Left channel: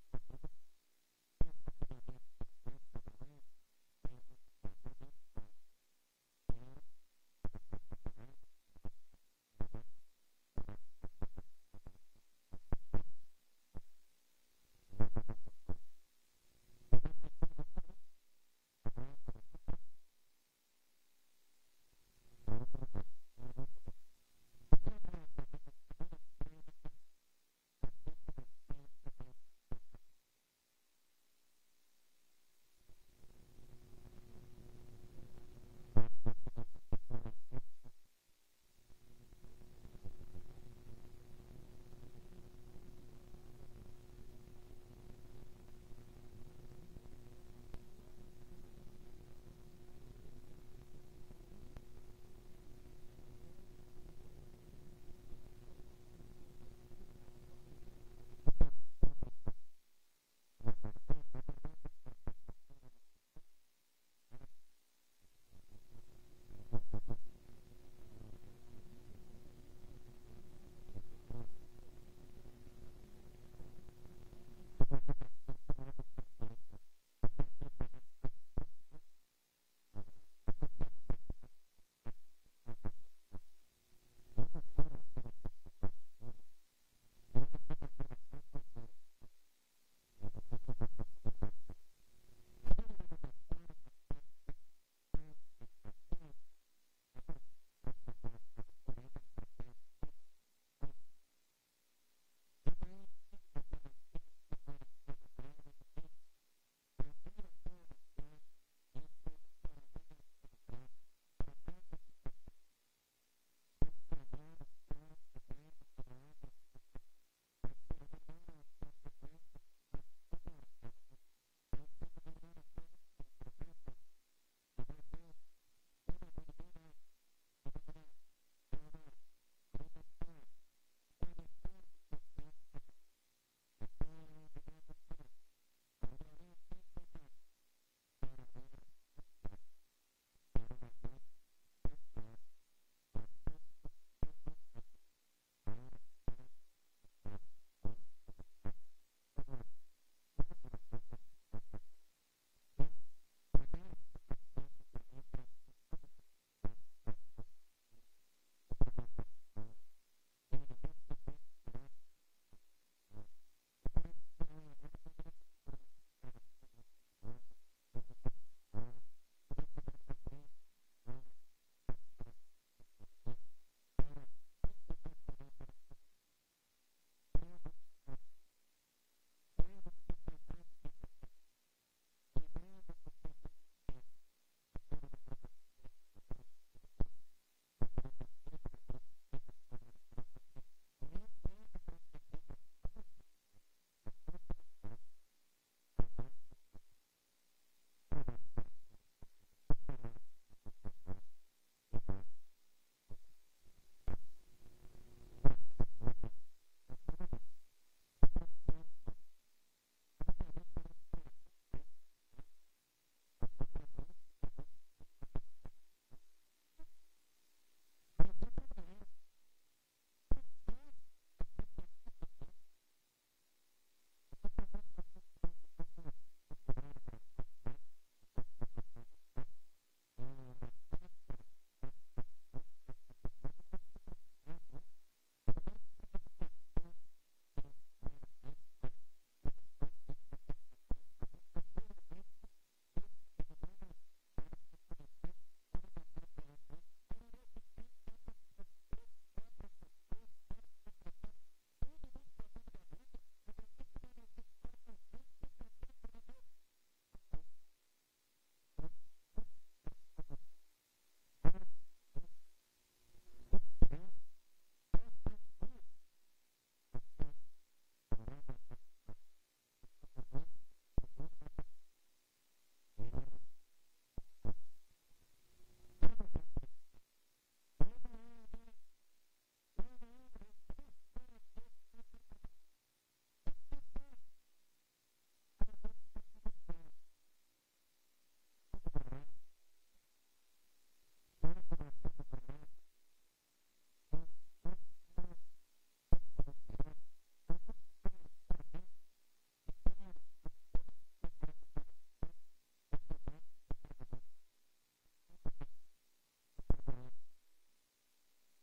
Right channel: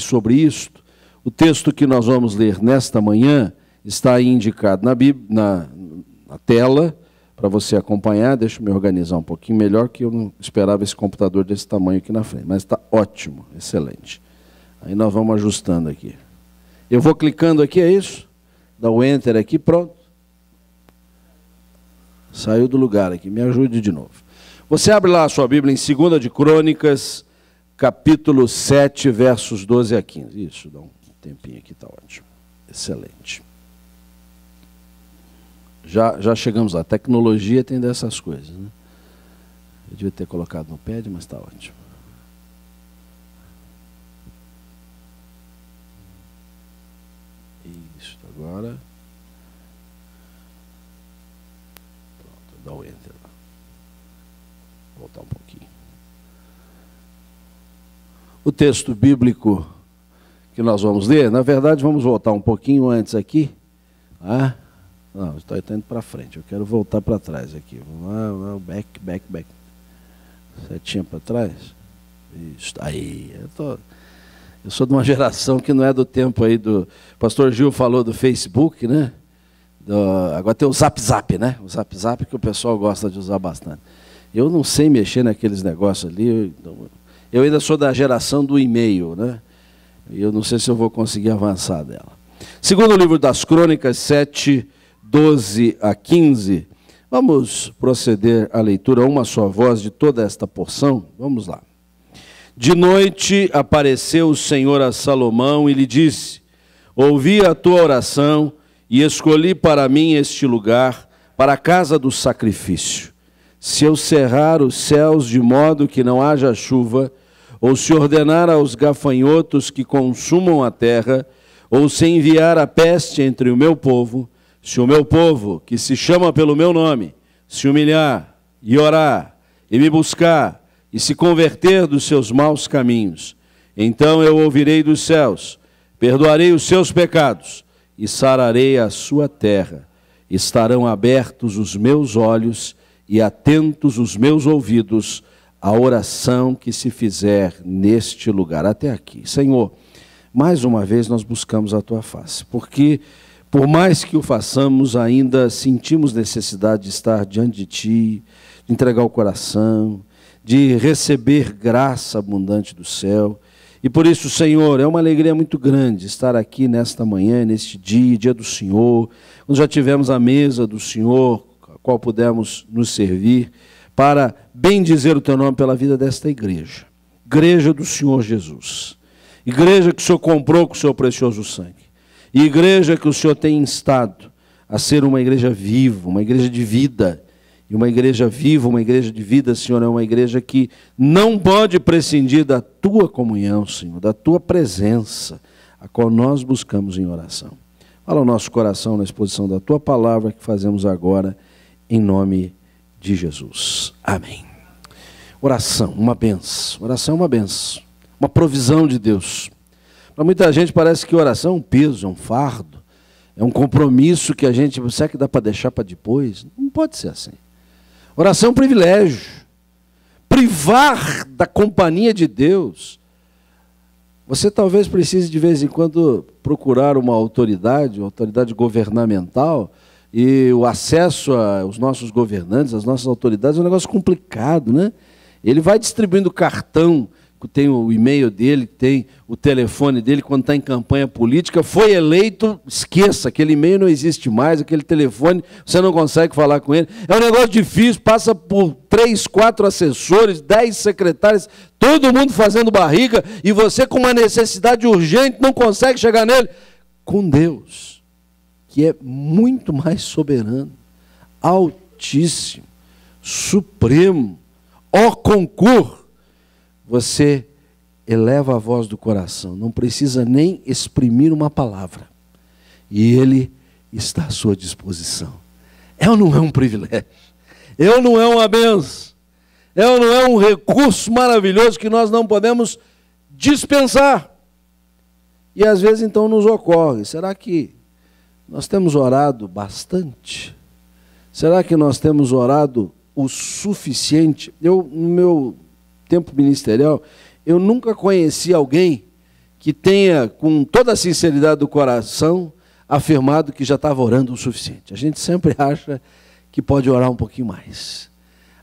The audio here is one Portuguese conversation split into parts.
sobre isto. O texto que nós vamos ler nesta manhã está aí indicado na Bíblia, na tela, para você acompanhar. Deixa eu me organizar um pouquinho melhor, que eu não esperava esse computador desse tamanho aqui na frente, mas está ótimo, excelente. Aí nós vamos ajustando aqui. Eu vou clicando aqui, é isso? Dá o Enter aqui, pronto. Saiu do lugar aqui, me ajude de novo. Você abre lá a sua Bíblia em 2 de Crônicas, capítulo 7, versos 12 a 15. Isso, dá um tempinho aqui, está ótimo. Excelente. Já chegamos lá. A tecnologia tem dessas coisas, né? Eu devia ter colocado no pad, mas está ótimo. Isso, agora. Pronto, dá o Enter lá. Voltar um pouquinho. O texto bíblico que nós vamos ler, na verdade, vamos voltar um pouquinho antes aqui. Ah, não, estou indo para frente, eu quero voltar para trás aqui. Vamos lá, back. Setinha para trás. Isso, aí. Eu sou de uma geração que não é do tempo aí do... O pastor Gil falou do Facebook, né? Agora tem o Zap, né? O Zap que o pessoal gosta de usar bastante. Eu não sei mexer naqueles negócios ali. Eu ainda sou da geração do e-mail, né? E eu não sei se eu vou conseguir avançar dela. Segundo o livro das Crônicas, 7, 12 a 15. Vamos proceder à leitura a uma só voz de toda esta porção. Vamos lá. De noite apareceu o Senhor a Salomão e lhe disse: ouvi a tua oração e escolhi para mim este lugar, para a casa do sacrifício. Se eu cerrar os céus de modo que não haja chuva, ou se ordenar aos gafanhotos que consumam a terra, ou se enviar a peste entre o meu povo, se o meu povo, que se chama pelo meu nome, se humilhar e orar, e me buscar, e se converter dos seus maus caminhos, então eu ouvirei dos céus, perdoarei os seus pecados, e sararei a sua terra. Estarão abertos os meus olhos, e atentos os meus ouvidos, a oração que se fizer neste lugar. Até aqui. Senhor, mais uma vez nós buscamos a tua face, porque por mais que o façamos, ainda sentimos necessidade de estar diante de ti, de entregar o coração, de receber graça abundante do céu. E por isso, Senhor, é uma alegria muito grande estar aqui nesta manhã, neste dia do Senhor, quando já tivemos a mesa do Senhor, a qual pudemos nos servir, para bendizer o teu nome pela vida desta igreja. Igreja do Senhor Jesus. Igreja que o Senhor comprou com o seu precioso sangue. E igreja que o Senhor tem instado a ser uma igreja viva, uma igreja de vida. E uma igreja viva, uma igreja de vida, Senhor, é uma igreja que não pode prescindir da tua comunhão, Senhor, da tua presença, a qual nós buscamos em oração. Fala o nosso coração na exposição da tua palavra que fazemos agora, em nome de Jesus. Amém. Oração, uma benção. Oração é uma benção, uma provisão de Deus. Para muita gente parece que oração é um peso, é um fardo, é um compromisso que a gente... Será que dá para deixar para depois? Não pode ser assim. Oração é um privilégio. Privar da companhia de Deus. Você talvez precise de vez em quando procurar uma autoridade governamental, e o acesso aos nossos governantes, às nossas autoridades, é um negócio complicado, né? Ele vai distribuindo cartão, tem o e-mail dele, tem o telefone dele quando está em campanha política. Foi eleito, esqueça, aquele e-mail não existe mais, aquele telefone, você não consegue falar com ele. É um negócio difícil, passa por 3, 4 assessores, 10 secretários, todo mundo fazendo barriga, e você com uma necessidade urgente não consegue chegar nele. Com Deus, que é muito mais soberano, altíssimo, supremo, ó concurso, você eleva a voz do coração, não precisa nem exprimir uma palavra, e Ele está à sua disposição. É ou não é um privilégio? É ou não é uma bênção? É ou não é um recurso maravilhoso que nós não podemos dispensar? E às vezes então nos ocorre, será que nós temos orado bastante? Será que nós temos orado o suficiente? No meu tempo ministerial, eu nunca conheci alguém que tenha, com toda a sinceridade do coração, afirmado que já estava orando o suficiente. A gente sempre acha que pode orar um pouquinho mais.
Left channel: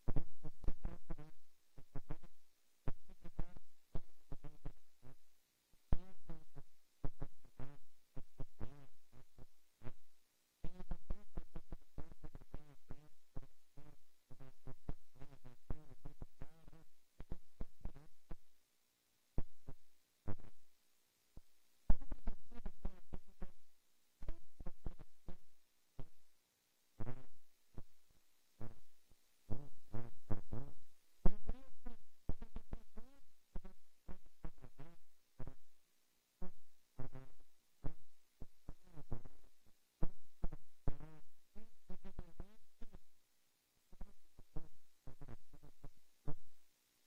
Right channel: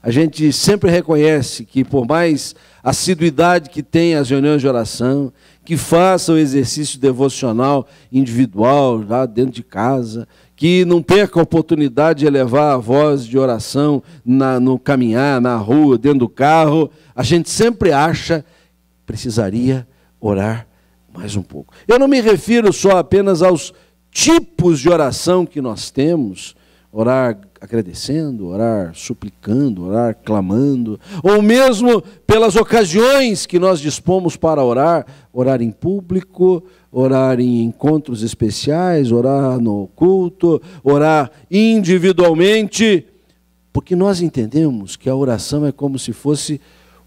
A gente sempre reconhece que, por mais assiduidade que tenha as reuniões de oração, que faça o exercício devocional individual, lá dentro de casa, que não perca a oportunidade de elevar a voz de oração no caminhar, na rua, dentro do carro, a gente sempre acha que precisaria orar mais um pouco. Eu não me refiro só apenas aos tipos de oração que nós temos, orar agradecendo, orar suplicando, orar clamando, ou mesmo pelas ocasiões que nós dispomos para orar, orar em público, orar em encontros especiais, orar no culto, orar individualmente, porque nós entendemos que a oração é como se fosse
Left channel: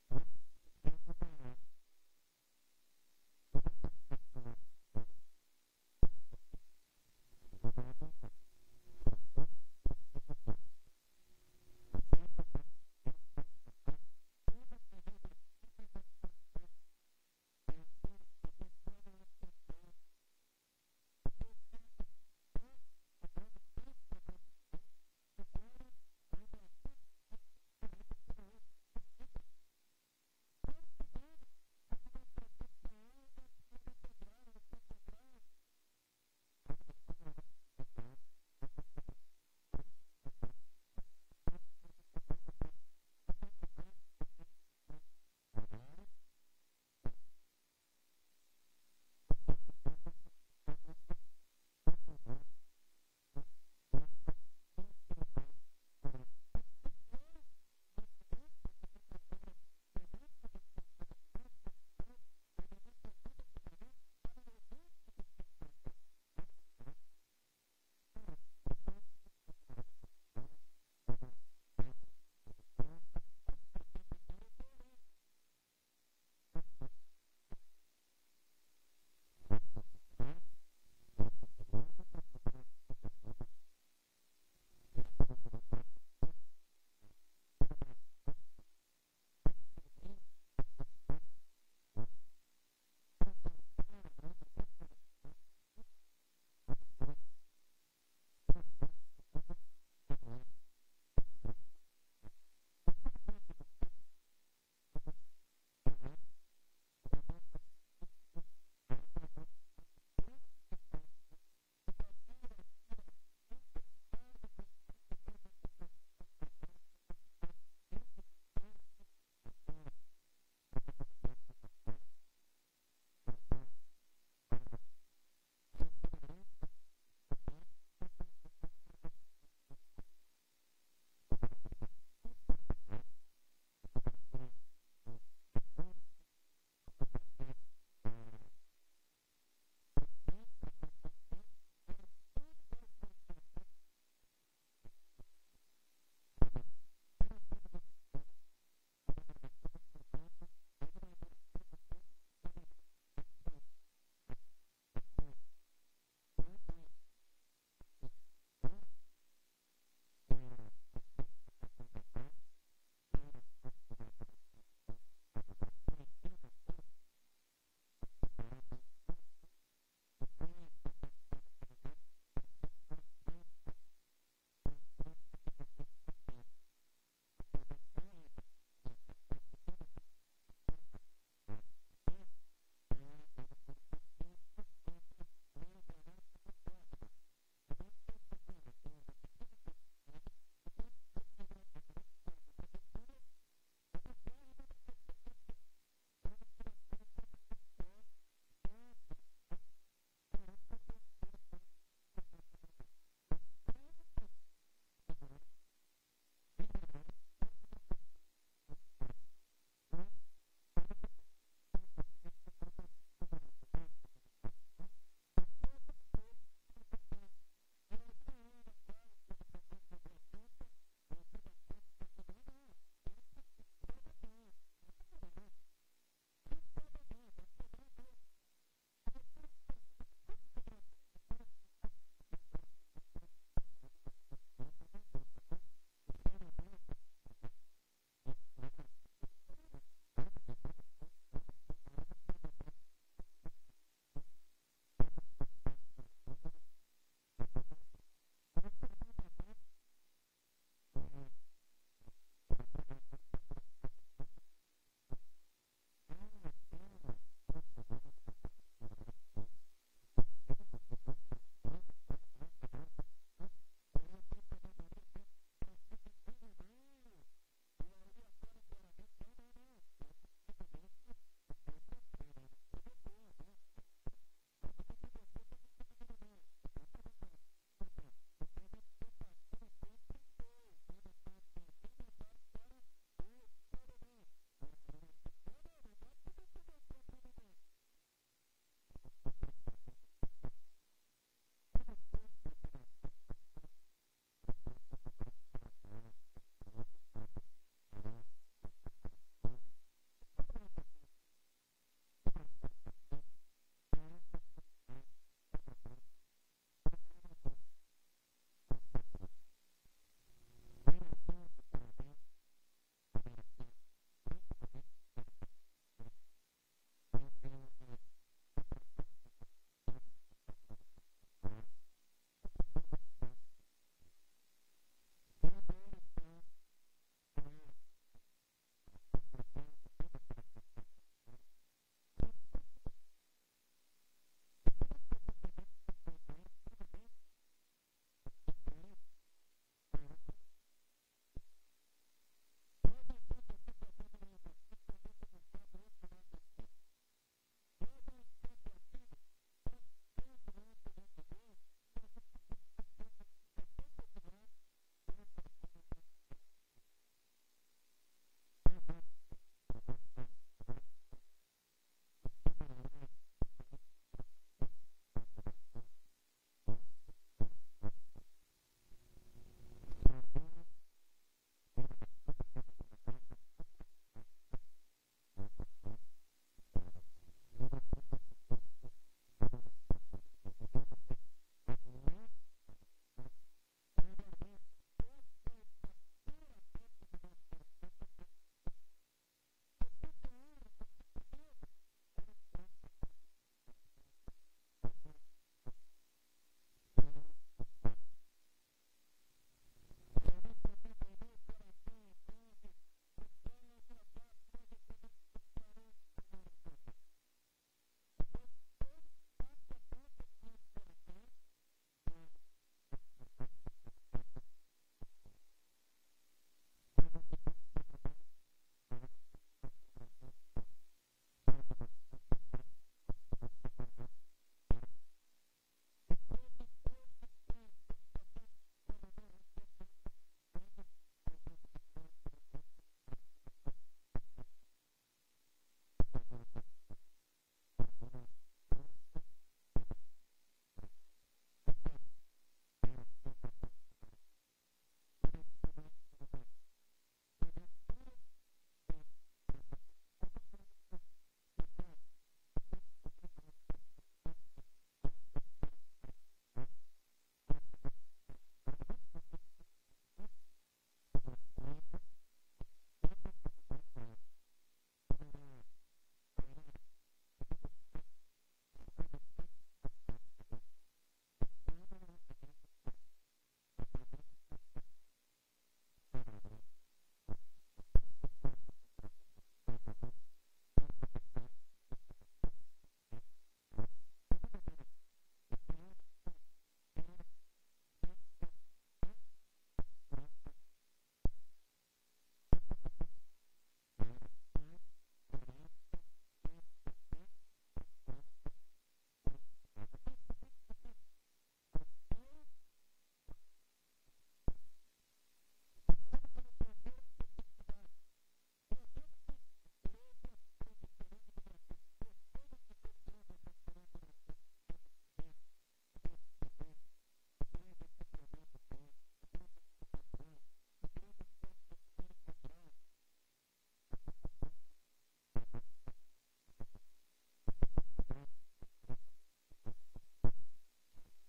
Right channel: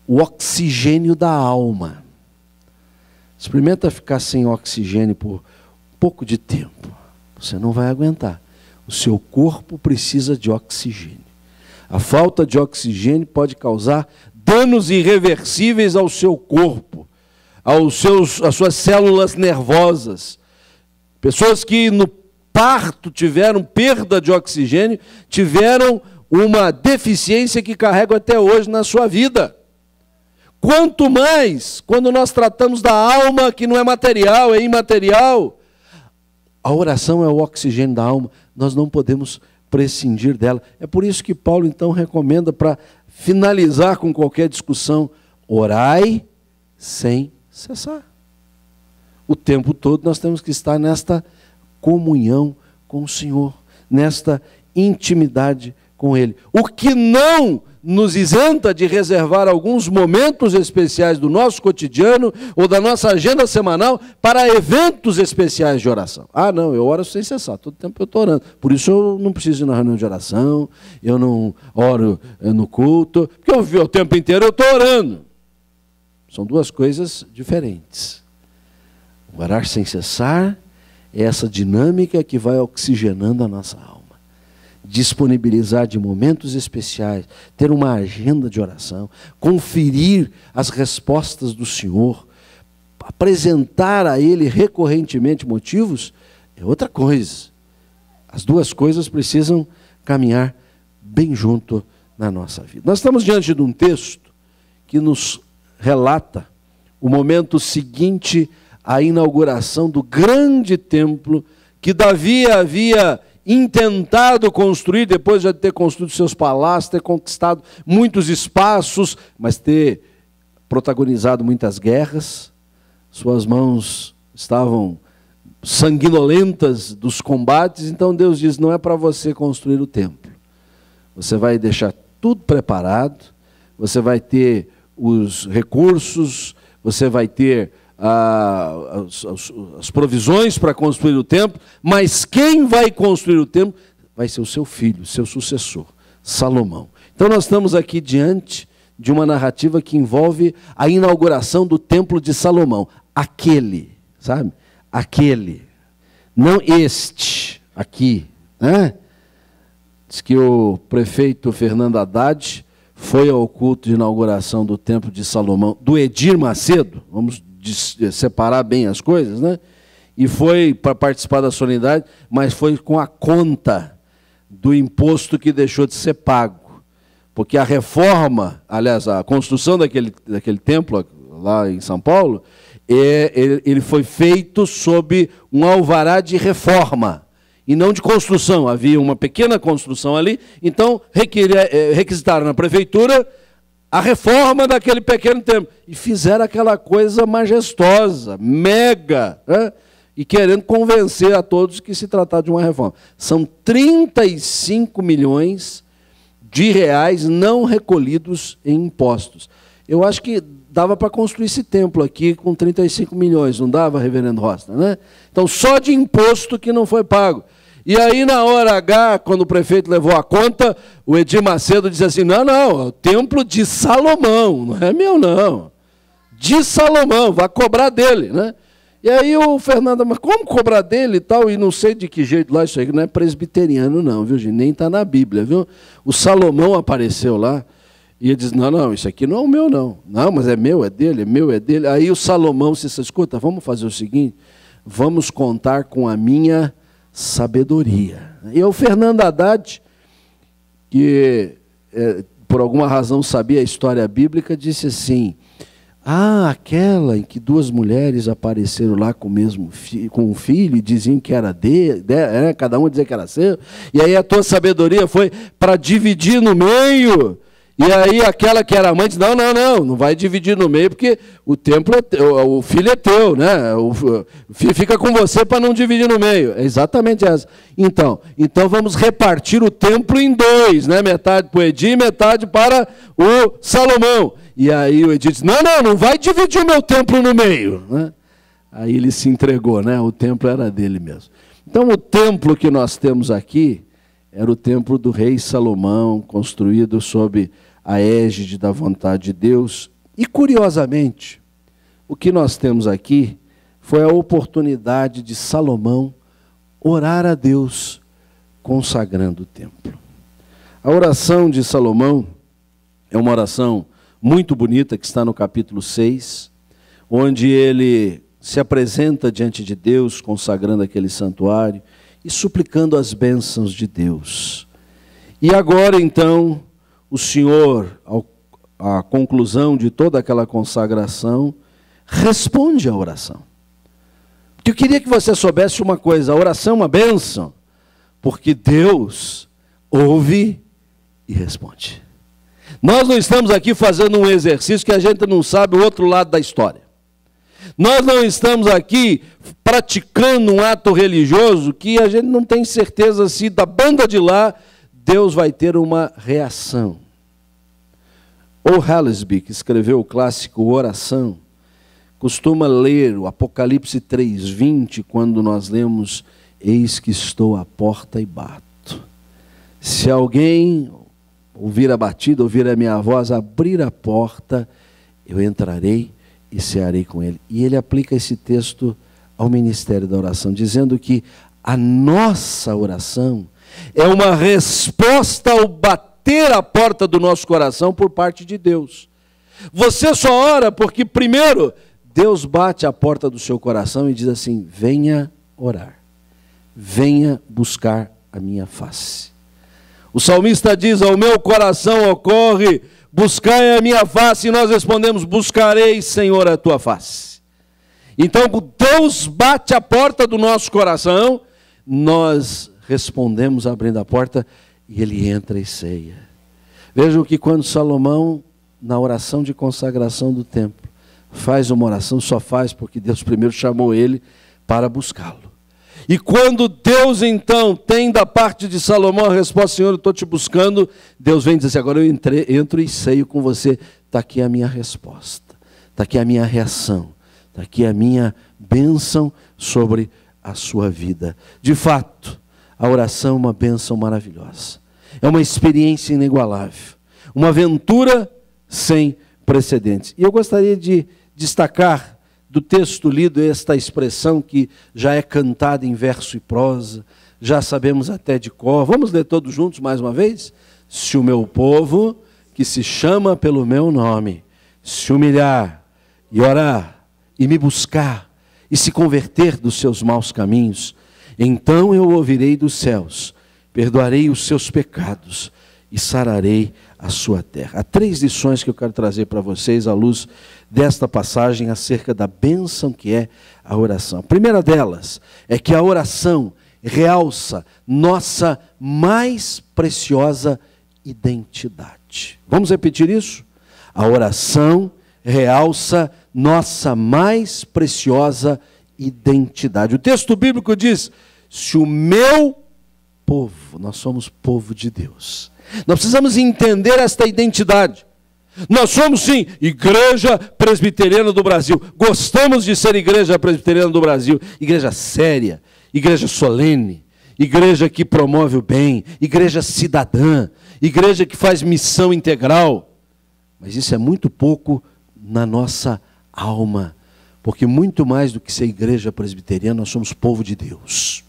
o oxigênio da alma. Experimenta ficar sem oxigênio por um pouco de tempo, você não vai aguentar. O seu corpo precisa de oxigênio. A falta de oxigênio pode causar danos irreversíveis ao seu corpo, às suas células nervosas. Pessoas que no parto tiveram perda de oxigênio, tiveram uma deficiência que carregam até hoje na sua vida. Quanto mais quando nós tratamos da alma, que não é material, é imaterial. A oração é o oxigênio da alma, nós não podemos prescindir dela. É por isso que Paulo então recomenda, para finalizar com qualquer discussão, orai sem cessar. O tempo todo nós temos que estar nesta comunhão com o Senhor, nesta intimidade com Ele. O que não nos isenta de reservar alguns momentos especiais do nosso cotidiano ou da nossa agenda semanal para eventos especiais de oração. Ah, não, eu oro sem cessar, todo tempo eu estou orando. Por isso eu não preciso ir na reunião de oração, eu não oro no culto, porque o tempo inteiro eu estou orando. São duas coisas diferentes. Orar sem cessar é essa dinâmica que vai oxigenando a nossa alma. Disponibilizar de momentos especiais, ter uma agenda de oração, conferir as respostas do Senhor, apresentar a Ele recorrentemente motivos, é outra coisa. As duas coisas precisam caminhar bem junto na nossa vida. Nós estamos diante de um texto que nos relata o momento seguinte à inauguração do grande templo que Davi havia intentado construir, depois de ter construído seus palácios, ter conquistado muitos espaços, mas ter protagonizado muitas guerras. Suas mãos estavam sanguinolentas dos combates, então Deus diz, não é para você construir o templo. Você vai deixar tudo preparado, você vai ter os recursos, você vai ter as provisões para construir o templo, mas quem vai construir o templo vai ser o seu filho, seu sucessor, Salomão. Então nós estamos aqui diante de uma narrativa que envolve a inauguração do templo de Salomão. Aquele, sabe? Aquele, não este, aqui, né? Diz que o prefeito Fernando Haddad foi ao culto de inauguração do templo de Salomão, do Edir Macedo, vamos separar bem as coisas, né? E foi para participar da solenidade, mas foi com a conta do imposto que deixou de ser pago. Porque a reforma, aliás, a construção daquele templo lá em São Paulo, ele foi feito sob um alvará de reforma, e não de construção. Havia uma pequena construção ali, então requisitaram na prefeitura a reforma daquele pequeno templo. E fizeram aquela coisa majestosa, mega, né? E querendo convencer a todos que se tratava de uma reforma. São 35 milhões de reais não recolhidos em impostos. Eu acho que dava para construir esse templo aqui com 35 milhões, não dava, reverendo Rosta, né? Então, só de imposto que não foi pago. E aí, na hora H, quando o prefeito levou a conta, o Edir Macedo disse assim, não, é o templo de Salomão, não é meu não. De Salomão, vai cobrar dele, né? E aí o Fernando, mas como cobrar dele e tal? E não sei de que jeito lá, isso aí não é presbiteriano não, viu gente? Nem está na Bíblia, viu? O Salomão apareceu lá, E ele diz, não, isso aqui não é o meu, não. Não, mas é meu, é dele, é meu, é dele. Aí o Salomão disse, escuta, vamos fazer o seguinte, vamos contar com a minha sabedoria. E o Fernando Haddad, que por alguma razão sabia a história bíblica, disse assim, aquela em que duas mulheres apareceram lá com um filho e diziam que era dele, cada uma dizia que era seu, e aí a tua sabedoria foi para dividir no meio. E aí aquela que era mãe disse, não vai dividir no meio, porque o templo é teu, o filho é teu, né? O filho fica com você para não dividir no meio. É exatamente essa. Então vamos repartir o templo em dois, né? Metade para o Edi e metade para o Salomão. E aí o Edi disse, não vai dividir o meu templo no meio, né? Aí ele se entregou, né? O templo era dele mesmo. Então o templo que nós temos aqui era o templo do rei Salomão, construído sob a égide da vontade de Deus. E, curiosamente, o que nós temos aqui foi a oportunidade de Salomão orar a Deus, consagrando o templo. A oração de Salomão é uma oração muito bonita, que está no capítulo 6, onde ele se apresenta diante de Deus, consagrando aquele santuário, e suplicando as bênçãos de Deus. E agora, então, o Senhor, à conclusão de toda aquela consagração, responde à oração. Porque eu queria que você soubesse uma coisa, a oração é uma bênção, porque Deus ouve e responde. Nós não estamos aqui fazendo um exercício que a gente não sabe o outro lado da história. Nós não estamos aqui praticando um ato religioso que a gente não tem certeza se da banda de lá Deus vai ter uma reação. O Hallesby, que escreveu o clássico Oração, costuma ler o Apocalipse 3:20 quando nós lemos, eis que estou à porta e bato. Se alguém ouvir a batida, ouvir a minha voz, abrir a porta, eu entrarei e cearei com ele. E ele aplica esse texto ao ministério da oração, dizendo que a nossa oração é uma resposta ao bater a porta do nosso coração por parte de Deus. Você só ora porque, primeiro, Deus bate a porta do seu coração e diz assim, venha orar, venha buscar a minha face. O salmista diz, ao meu coração ocorre, buscai a minha face, e nós respondemos, buscarei, Senhor, a tua face. Então, Deus bate a porta do nosso coração, nós respondemos abrindo a porta, e ele entra e ceia. Vejam que quando Salomão, na oração de consagração do templo, faz uma oração, só faz porque Deus primeiro chamou ele para buscá-lo. E quando Deus então tem da parte de Salomão a resposta, Senhor, eu estou te buscando, Deus vem dizer assim, agora eu entro e ceio com você, está aqui a minha resposta, está aqui a minha reação, está aqui a minha bênção sobre a sua vida. De fato, a oração é uma bênção maravilhosa, é uma experiência inigualável, uma aventura sem precedentes. E eu gostaria de destacar do texto lido esta expressão que já é cantada em verso e prosa, já sabemos até de cor. Vamos ler todos juntos mais uma vez? Se o meu povo, que se chama pelo meu nome, se humilhar e orar e me buscar e se converter dos seus maus caminhos, então eu ouvirei dos céus, perdoarei os seus pecados e sararei a sua terra. Há 3 lições que eu quero trazer para vocês à luz desta passagem acerca da bênção que é a oração. A primeira delas é que a oração realça nossa mais preciosa identidade. Vamos repetir isso? A oração realça nossa mais preciosa identidade. O texto bíblico diz, se o meu povo, nós somos povo de Deus. Nós precisamos entender esta identidade. Nós somos, sim, Igreja Presbiteriana do Brasil. Gostamos de ser Igreja Presbiteriana do Brasil. Igreja séria, igreja solene, igreja que promove o bem, igreja cidadã, igreja que faz missão integral. Mas isso é muito pouco na nossa alma, porque muito mais do que ser Igreja Presbiteriana, nós somos povo de Deus.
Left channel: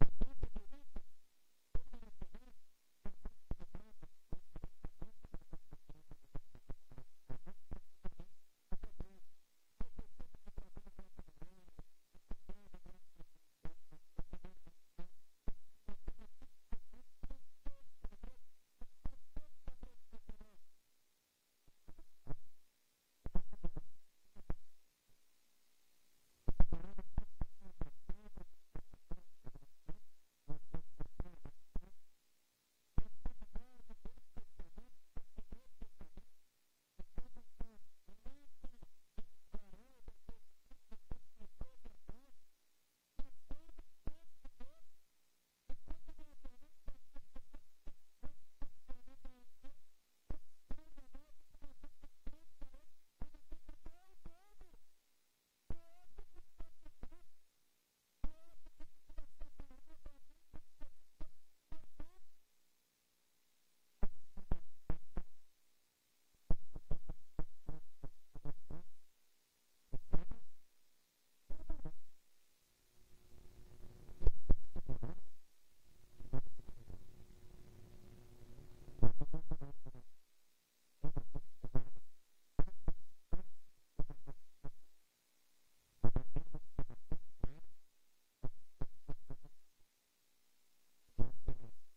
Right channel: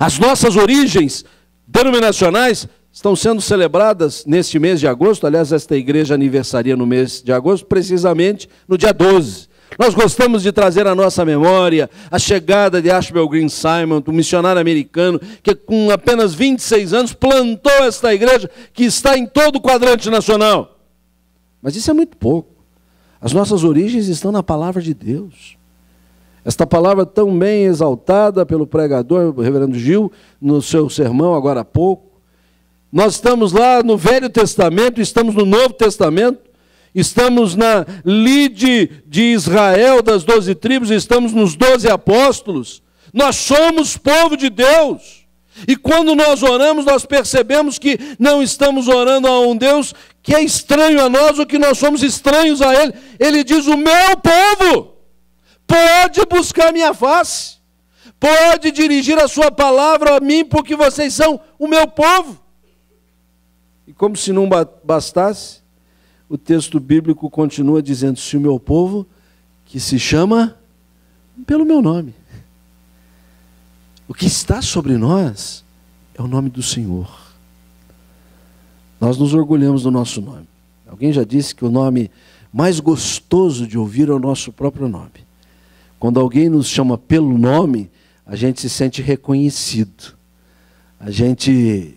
As nossas origens denominacionais estão sendo celebradas neste mês de agosto. Aliás, esta igreja aniversaria no mês de agosto, precisamente no dia 12. Nós gostamos de trazer à nossa memória a chegada de Ashbel Green Simon, um missionário americano, que com apenas 26 anos plantou esta igreja, que está em todo o quadrante nacional. Mas isso é muito pouco. As nossas origens estão na palavra de Deus. Esta palavra tão bem exaltada pelo pregador, o reverendo Gil, no seu sermão agora há pouco. Nós estamos lá no Velho Testamento, estamos no Novo Testamento, estamos na lide de Israel, das 12 tribos, estamos nos 12 apóstolos. Nós somos povo de Deus. E quando nós oramos, nós percebemos que não estamos orando a um Deus que é estranho a nós, ou que nós somos estranhos a Ele. Ele diz: o meu povo pode buscar minha face, pode dirigir a sua palavra a mim, porque vocês são o meu povo. E como se não bastasse, o texto bíblico continua dizendo: se o meu povo, que se chama pelo meu nome. O que está sobre nós é o nome do Senhor. Nós nos orgulhamos do nosso nome. Alguém já disse que o nome mais gostoso de ouvir é o nosso próprio nome. Quando alguém nos chama pelo nome, a gente se sente reconhecido. A gente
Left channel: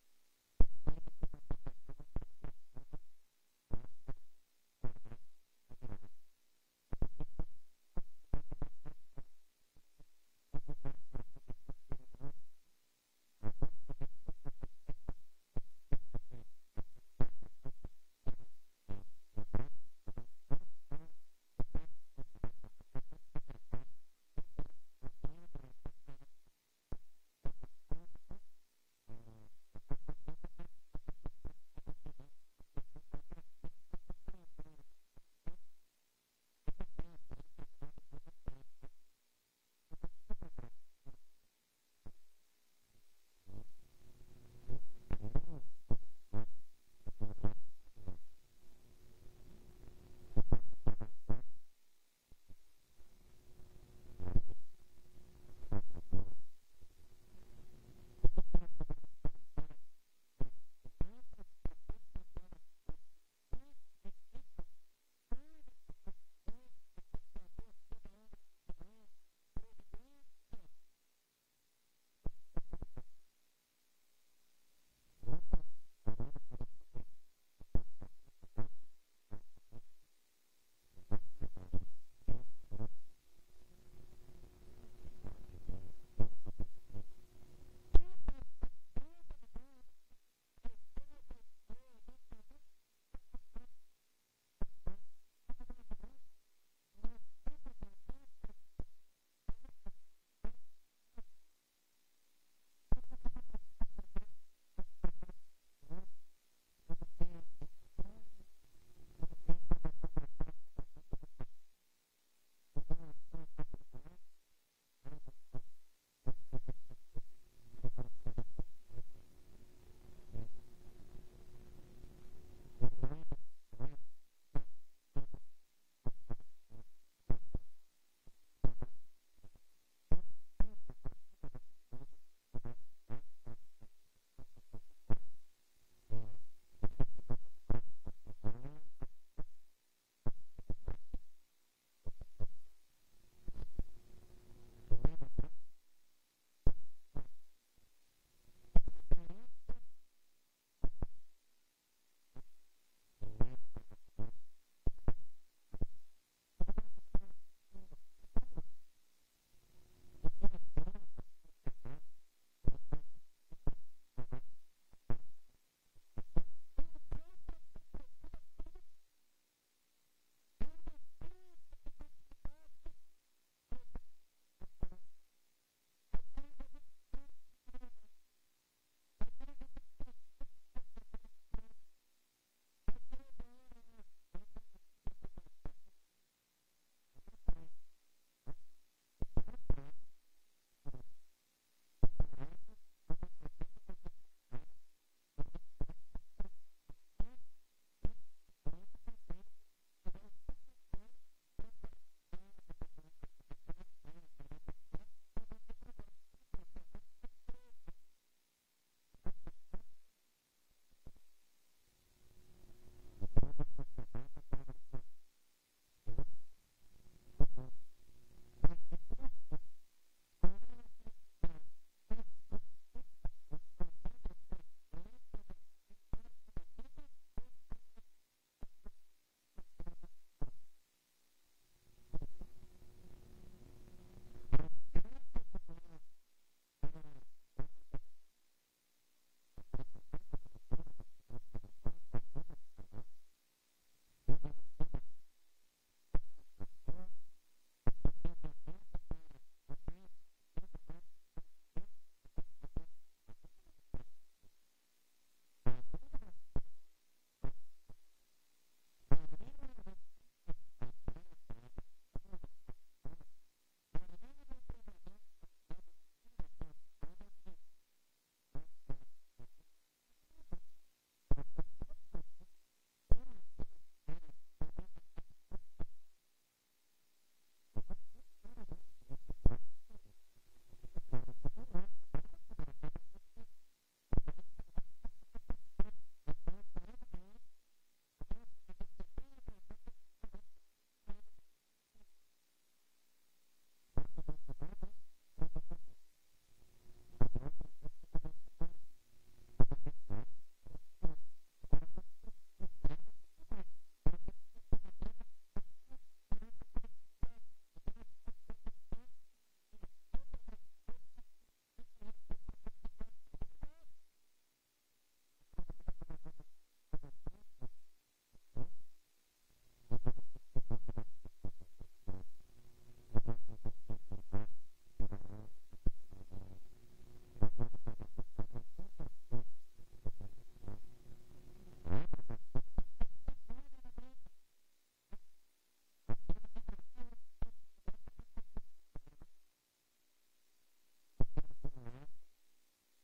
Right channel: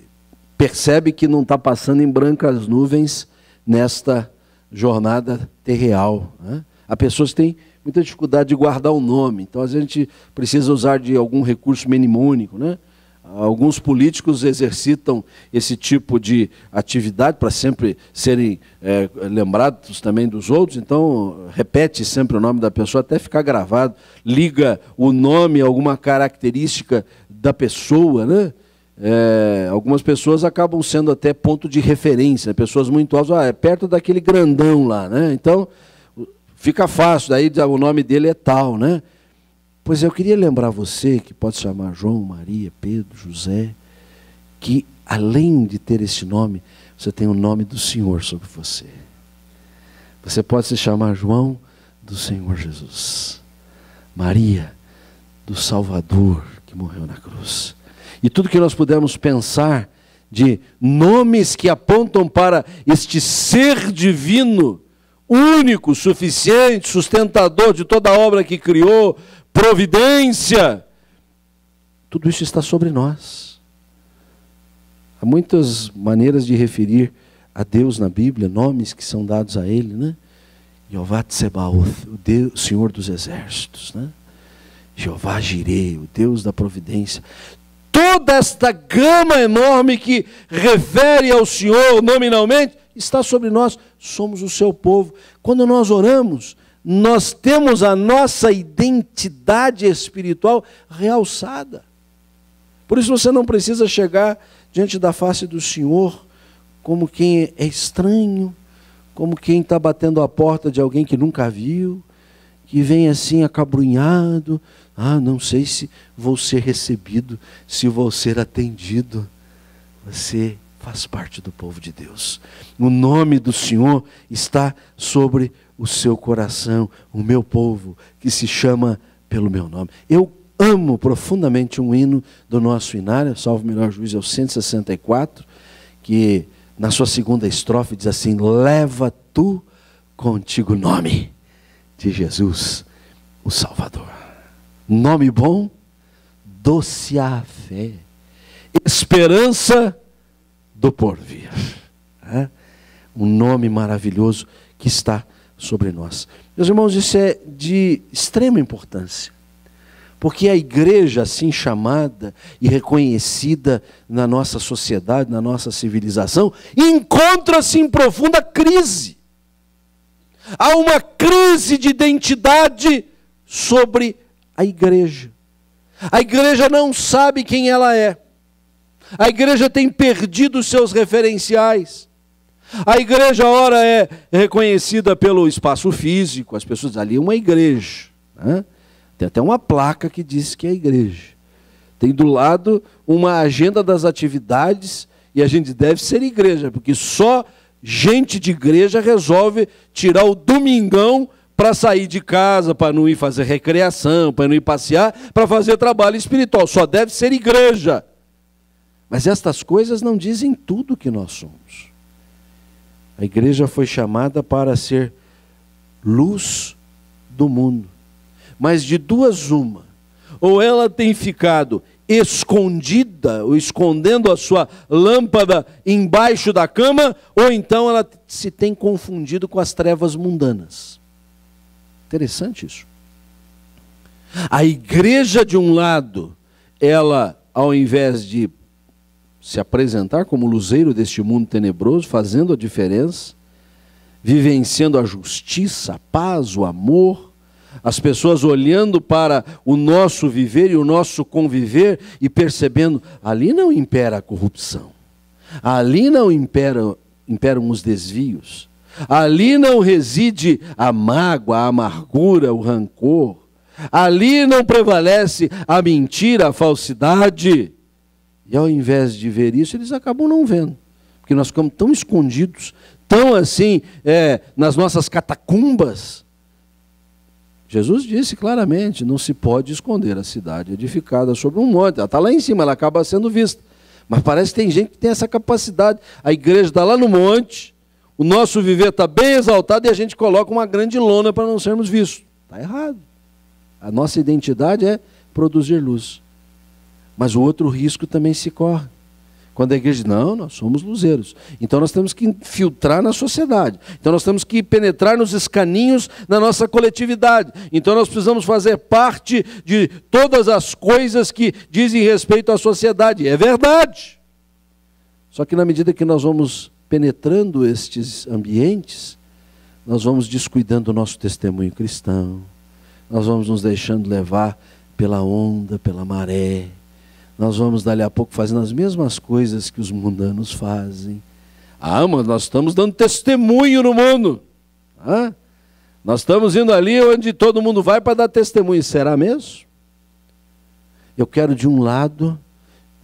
percebe que não está passando em brancas nuvens nesta jornada terreal, né? Há pessoas que têm muita dificuldade de guardar o nome, então a gente precisa usar de algum recurso mnemônico, né? Alguns políticos exercitam esse tipo de atividade para sempre serem lembrados também dos outros, então repete sempre o nome da pessoa até ficar gravado, liga o nome a alguma característica da pessoa, né? Algumas pessoas acabam sendo até ponto de referência, pessoas muito altas, é perto daquele grandão lá, né? Então fica fácil, daí o nome dele é tal, né? Pois eu queria lembrar você, que pode se chamar João, Maria, Pedro, José, que além de ter esse nome, você tem o nome do Senhor sobre você. Você pode se chamar João do Senhor Jesus, Maria do Salvador que morreu na cruz. E tudo que nós pudermos pensar de nomes que apontam para este ser divino, único, suficiente, sustentador de toda a obra que criou, providência, tudo isso está sobre nós. Há muitas maneiras de referir a Deus na Bíblia, nomes que são dados a Ele, né? Jeová Tsebaoth, o Deus, Senhor dos Exércitos, né? Jeová Jireh, o Deus da providência. Toda esta gama enorme que refere ao Senhor nominalmente, está sobre nós, somos o seu povo. Quando nós oramos, nós temos a nossa identidade espiritual realçada. Por isso você não precisa chegar diante da face do Senhor como quem é estranho, como quem está batendo a porta de alguém que nunca viu, que vem assim acabrunhado, não sei se vou ser recebido, se vou ser atendido. Você faz parte do povo de Deus. O nome do Senhor está sobre o seu coração, o meu povo, que se chama pelo meu nome. Eu amo profundamente um hino do nosso inário, salvo melhor juízo, é o 164, que na sua segunda estrofe diz assim: leva tu contigo o nome de Jesus, o Salvador. Nome bom, doce a fé, esperança do porvir. Um nome maravilhoso que está sobre nós. Meus irmãos, isso é de extrema importância, porque a igreja assim chamada e reconhecida na nossa sociedade, na nossa civilização, encontra-se em profunda crise. Há uma crise de identidade sobre a igreja. A igreja não sabe quem ela é. A igreja tem perdido os seus referenciais. A igreja, ora, é reconhecida pelo espaço físico, as pessoas dizem, ali é uma igreja, né? Tem até uma placa que diz que é igreja. Tem do lado uma agenda das atividades, e a gente deve ser igreja, porque só gente de igreja resolve tirar o domingão para sair de casa, para não ir fazer recreação, para não ir passear, para fazer trabalho espiritual. Só deve ser igreja. Mas estas coisas não dizem tudo que nós somos. A igreja foi chamada para ser luz do mundo. Mas de duas uma. Ou ela tem ficado escondida, ou escondendo a sua lâmpada embaixo da cama, ou então ela se tem confundido com as trevas mundanas. Interessante isso. A igreja, de um lado, ela, ao invés de se apresentar como luzeiro deste mundo tenebroso, fazendo a diferença, vivenciando a justiça, a paz, o amor, as pessoas olhando para o nosso viver e o nosso conviver e percebendo, ali não impera a corrupção, ali não imperam os desvios, ali não reside a mágoa, a amargura, o rancor, ali não prevalece a mentira, a falsidade. E ao invés de ver isso, eles acabam não vendo, porque nós ficamos tão escondidos, tão assim, nas nossas catacumbas. Jesus disse claramente, não se pode esconder a cidade edificada sobre um monte. Ela está lá em cima, ela acaba sendo vista. Mas parece que tem gente que tem essa capacidade. A igreja está lá no monte, o nosso viver está bem exaltado e a gente coloca uma grande lona para não sermos vistos. Está errado. A nossa identidade é produzir luz. Mas o outro risco também se corre. Quando a igreja diz, não, nós somos luzeiros. Então nós temos que infiltrar na sociedade. Então nós temos que penetrar nos escaninhos da nossa coletividade. Então nós precisamos fazer parte de todas as coisas que dizem respeito à sociedade. É verdade. Só que na medida que nós vamos penetrando estes ambientes, nós vamos descuidando o nosso testemunho cristão. Nós vamos nos deixando levar pela onda, pela maré. Nós vamos dali a pouco fazendo as mesmas coisas que os mundanos fazem. Mas nós estamos dando testemunho no mundo. Nós estamos indo ali onde todo mundo vai para dar testemunho. Será mesmo? Eu quero, de um lado,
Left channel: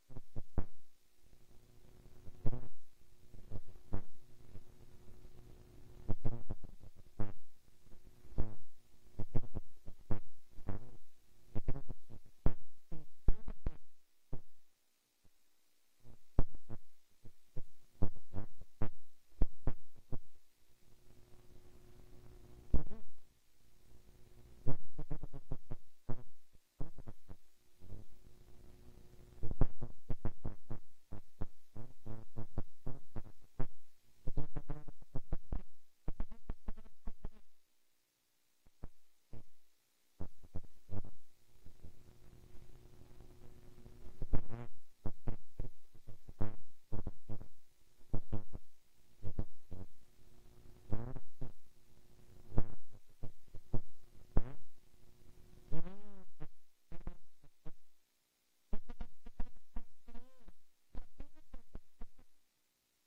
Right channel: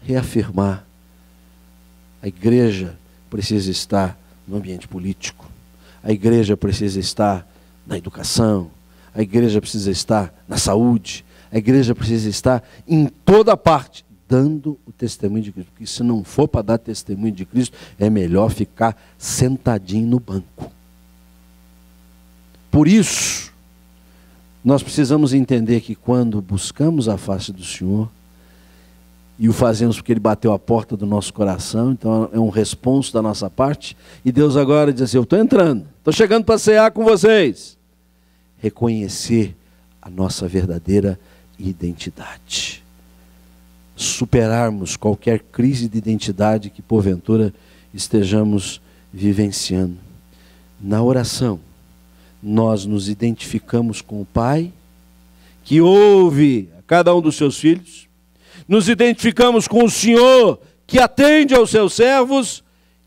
reafirmar. A igreja precisa estar no ambiente político. A igreja precisa estar na educação. A igreja precisa estar na saúde. A igreja precisa estar em toda parte, dando o testemunho de Cristo. Porque se não for para dar testemunho de Cristo, é melhor ficar sentadinho no banco. Por isso, nós precisamos entender que quando buscamos a face do Senhor, e o fazemos porque Ele bateu a porta do nosso coração, então é um responso da nossa parte, e Deus agora diz assim, eu estou entrando, estou chegando para cear com vocês. Reconhecer a nossa verdadeira identidade. Superarmos qualquer crise de identidade que porventura estejamos vivenciando. Na oração, nós nos identificamos com o Pai, que ouve a cada um dos seus filhos, nos identificamos com o Senhor, que atende aos seus servos,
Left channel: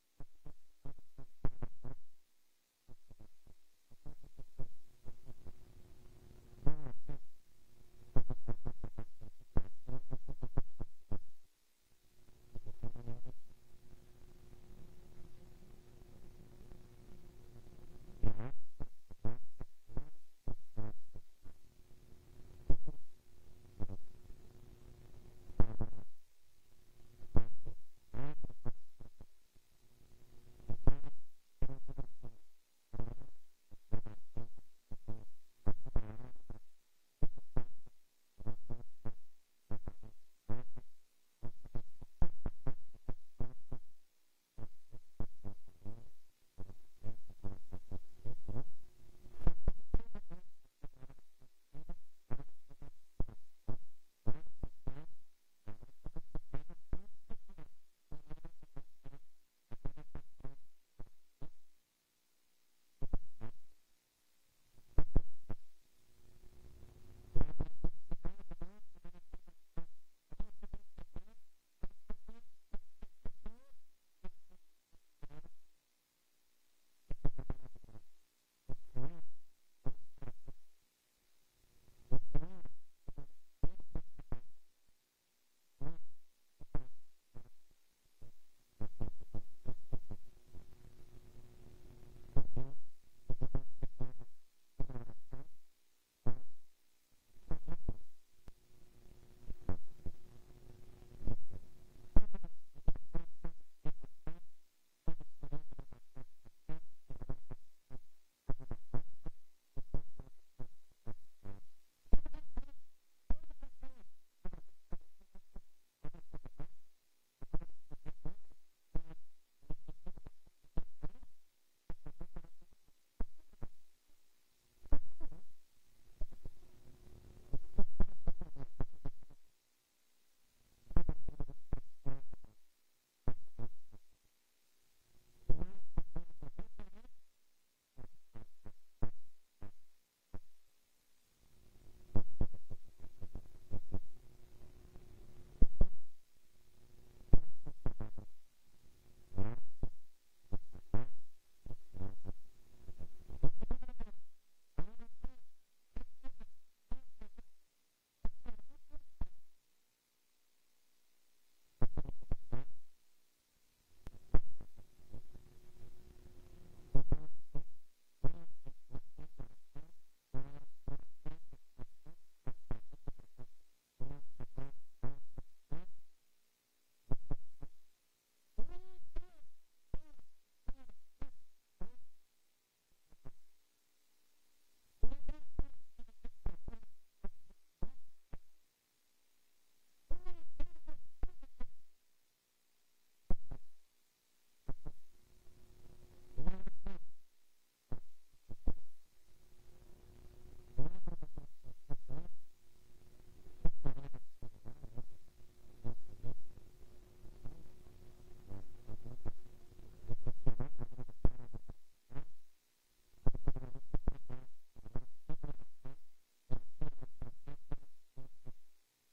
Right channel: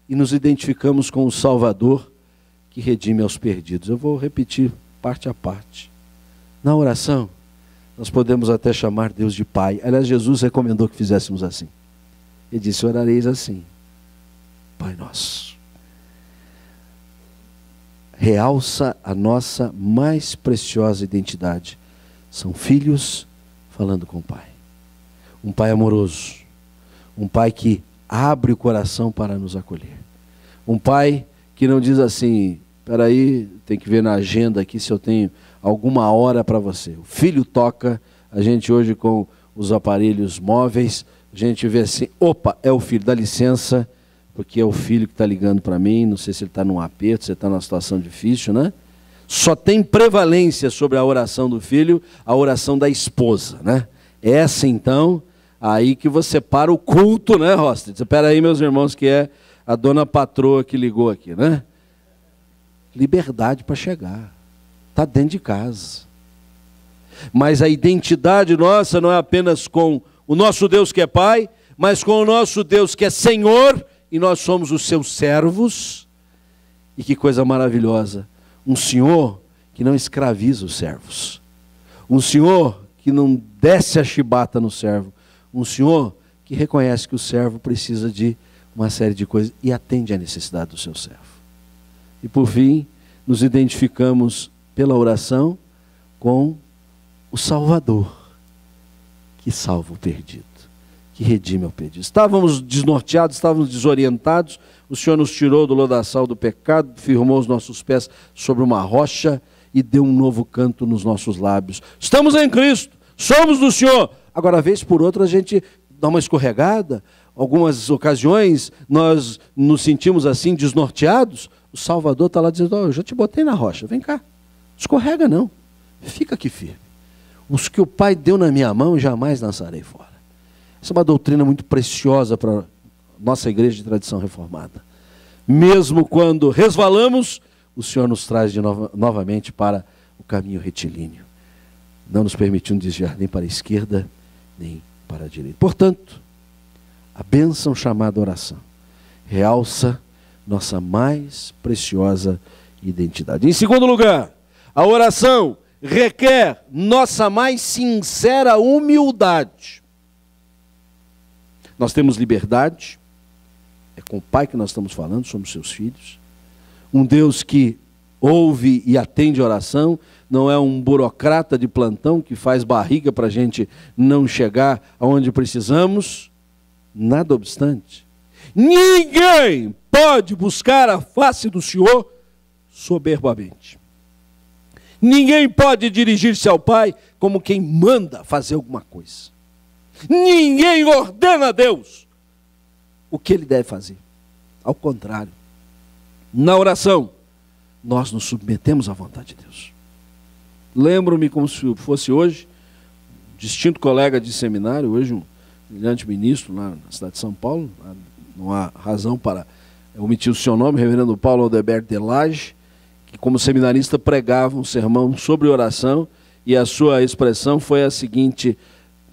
e nos identificamos com o Salvador, que redime aos perdidos. Eu vou repetir parte a parte. Na oração, nós podemos até chamar Deus de Pai. Aliás, Jesus recomendou que fizéssemos assim. Ele disse, orareis assim. Pai nosso. Realça a nossa mais preciosa identidade. São filhos falando com o Pai. Um Pai amoroso. Um Pai que abre o coração para nos acolher. Um Pai que não diz assim, espera aí, tem que ver na agenda aqui se eu tenho alguma hora para você. O filho toca, a gente hoje com os aparelhos móveis, a gente vê assim, opa, é o filho, dá licença, porque é o filho que está ligando para mim, não sei se ele está num aperto, se ele está numa situação difícil, né? Só tem prevalência sobre a oração do filho, a oração da esposa, né? Essa então, aí que você para o culto, né, Rosta? Espera aí, meus irmãos, que é a dona patroa que ligou aqui, né? Liberdade para chegar. Está dentro de casa. Mas a identidade nossa não é apenas com o nosso Deus que é Pai, mas com o nosso Deus que é Senhor, e nós somos os seus servos. E que coisa maravilhosa, um Senhor que não escraviza os servos, um Senhor que não desce a chibata no servo, um Senhor que reconhece que o servo precisa de uma série de coisas e atende à necessidade do seu servo. E por fim, nos identificamos pela oração com o Salvador, que salva o perdido, que redime ao pedido. Estávamos desnorteados, estávamos desorientados, o Senhor nos tirou do lodaçal do pecado, firmou os nossos pés sobre uma rocha e deu um novo canto nos nossos lábios. Estamos em Cristo, somos do Senhor. Agora, vez por outra, a gente dá uma escorregada, algumas ocasiões nós nos sentimos assim desnorteados, o Salvador está lá dizendo, eu já te botei na rocha, vem cá, escorrega não, fica aqui firme. Os que o Pai deu na minha mão, jamais lançarei fora. Essa é uma doutrina muito preciosa para a nossa igreja de tradição reformada. Mesmo quando resvalamos, o Senhor nos traz novamente para o caminho retilíneo, não nos permitindo desviar nem para a esquerda, nem para a direita. Portanto, a bênção chamada oração realça nossa mais preciosa identidade. Em segundo lugar, a oração requer nossa mais sincera humildade. Nós temos liberdade, é com o Pai que nós estamos falando, somos seus filhos. Um Deus que ouve e atende a oração, não é um burocrata de plantão que faz barriga para a gente não chegar aonde precisamos. Nada obstante, ninguém pode buscar a face do Senhor soberbamente. Ninguém pode dirigir-se ao Pai como quem manda fazer alguma coisa. Ninguém ordena a Deus o que Ele deve fazer. Ao contrário, na oração, nós nos submetemos à vontade de Deus. Lembro-me como se fosse hoje, distinto colega de seminário, hoje um brilhante ministro lá na cidade de São Paulo, não há razão para omitir o seu nome, reverendo Paulo Aldeberto de Lage, que como seminarista pregava um sermão sobre oração, e a sua expressão foi a seguinte:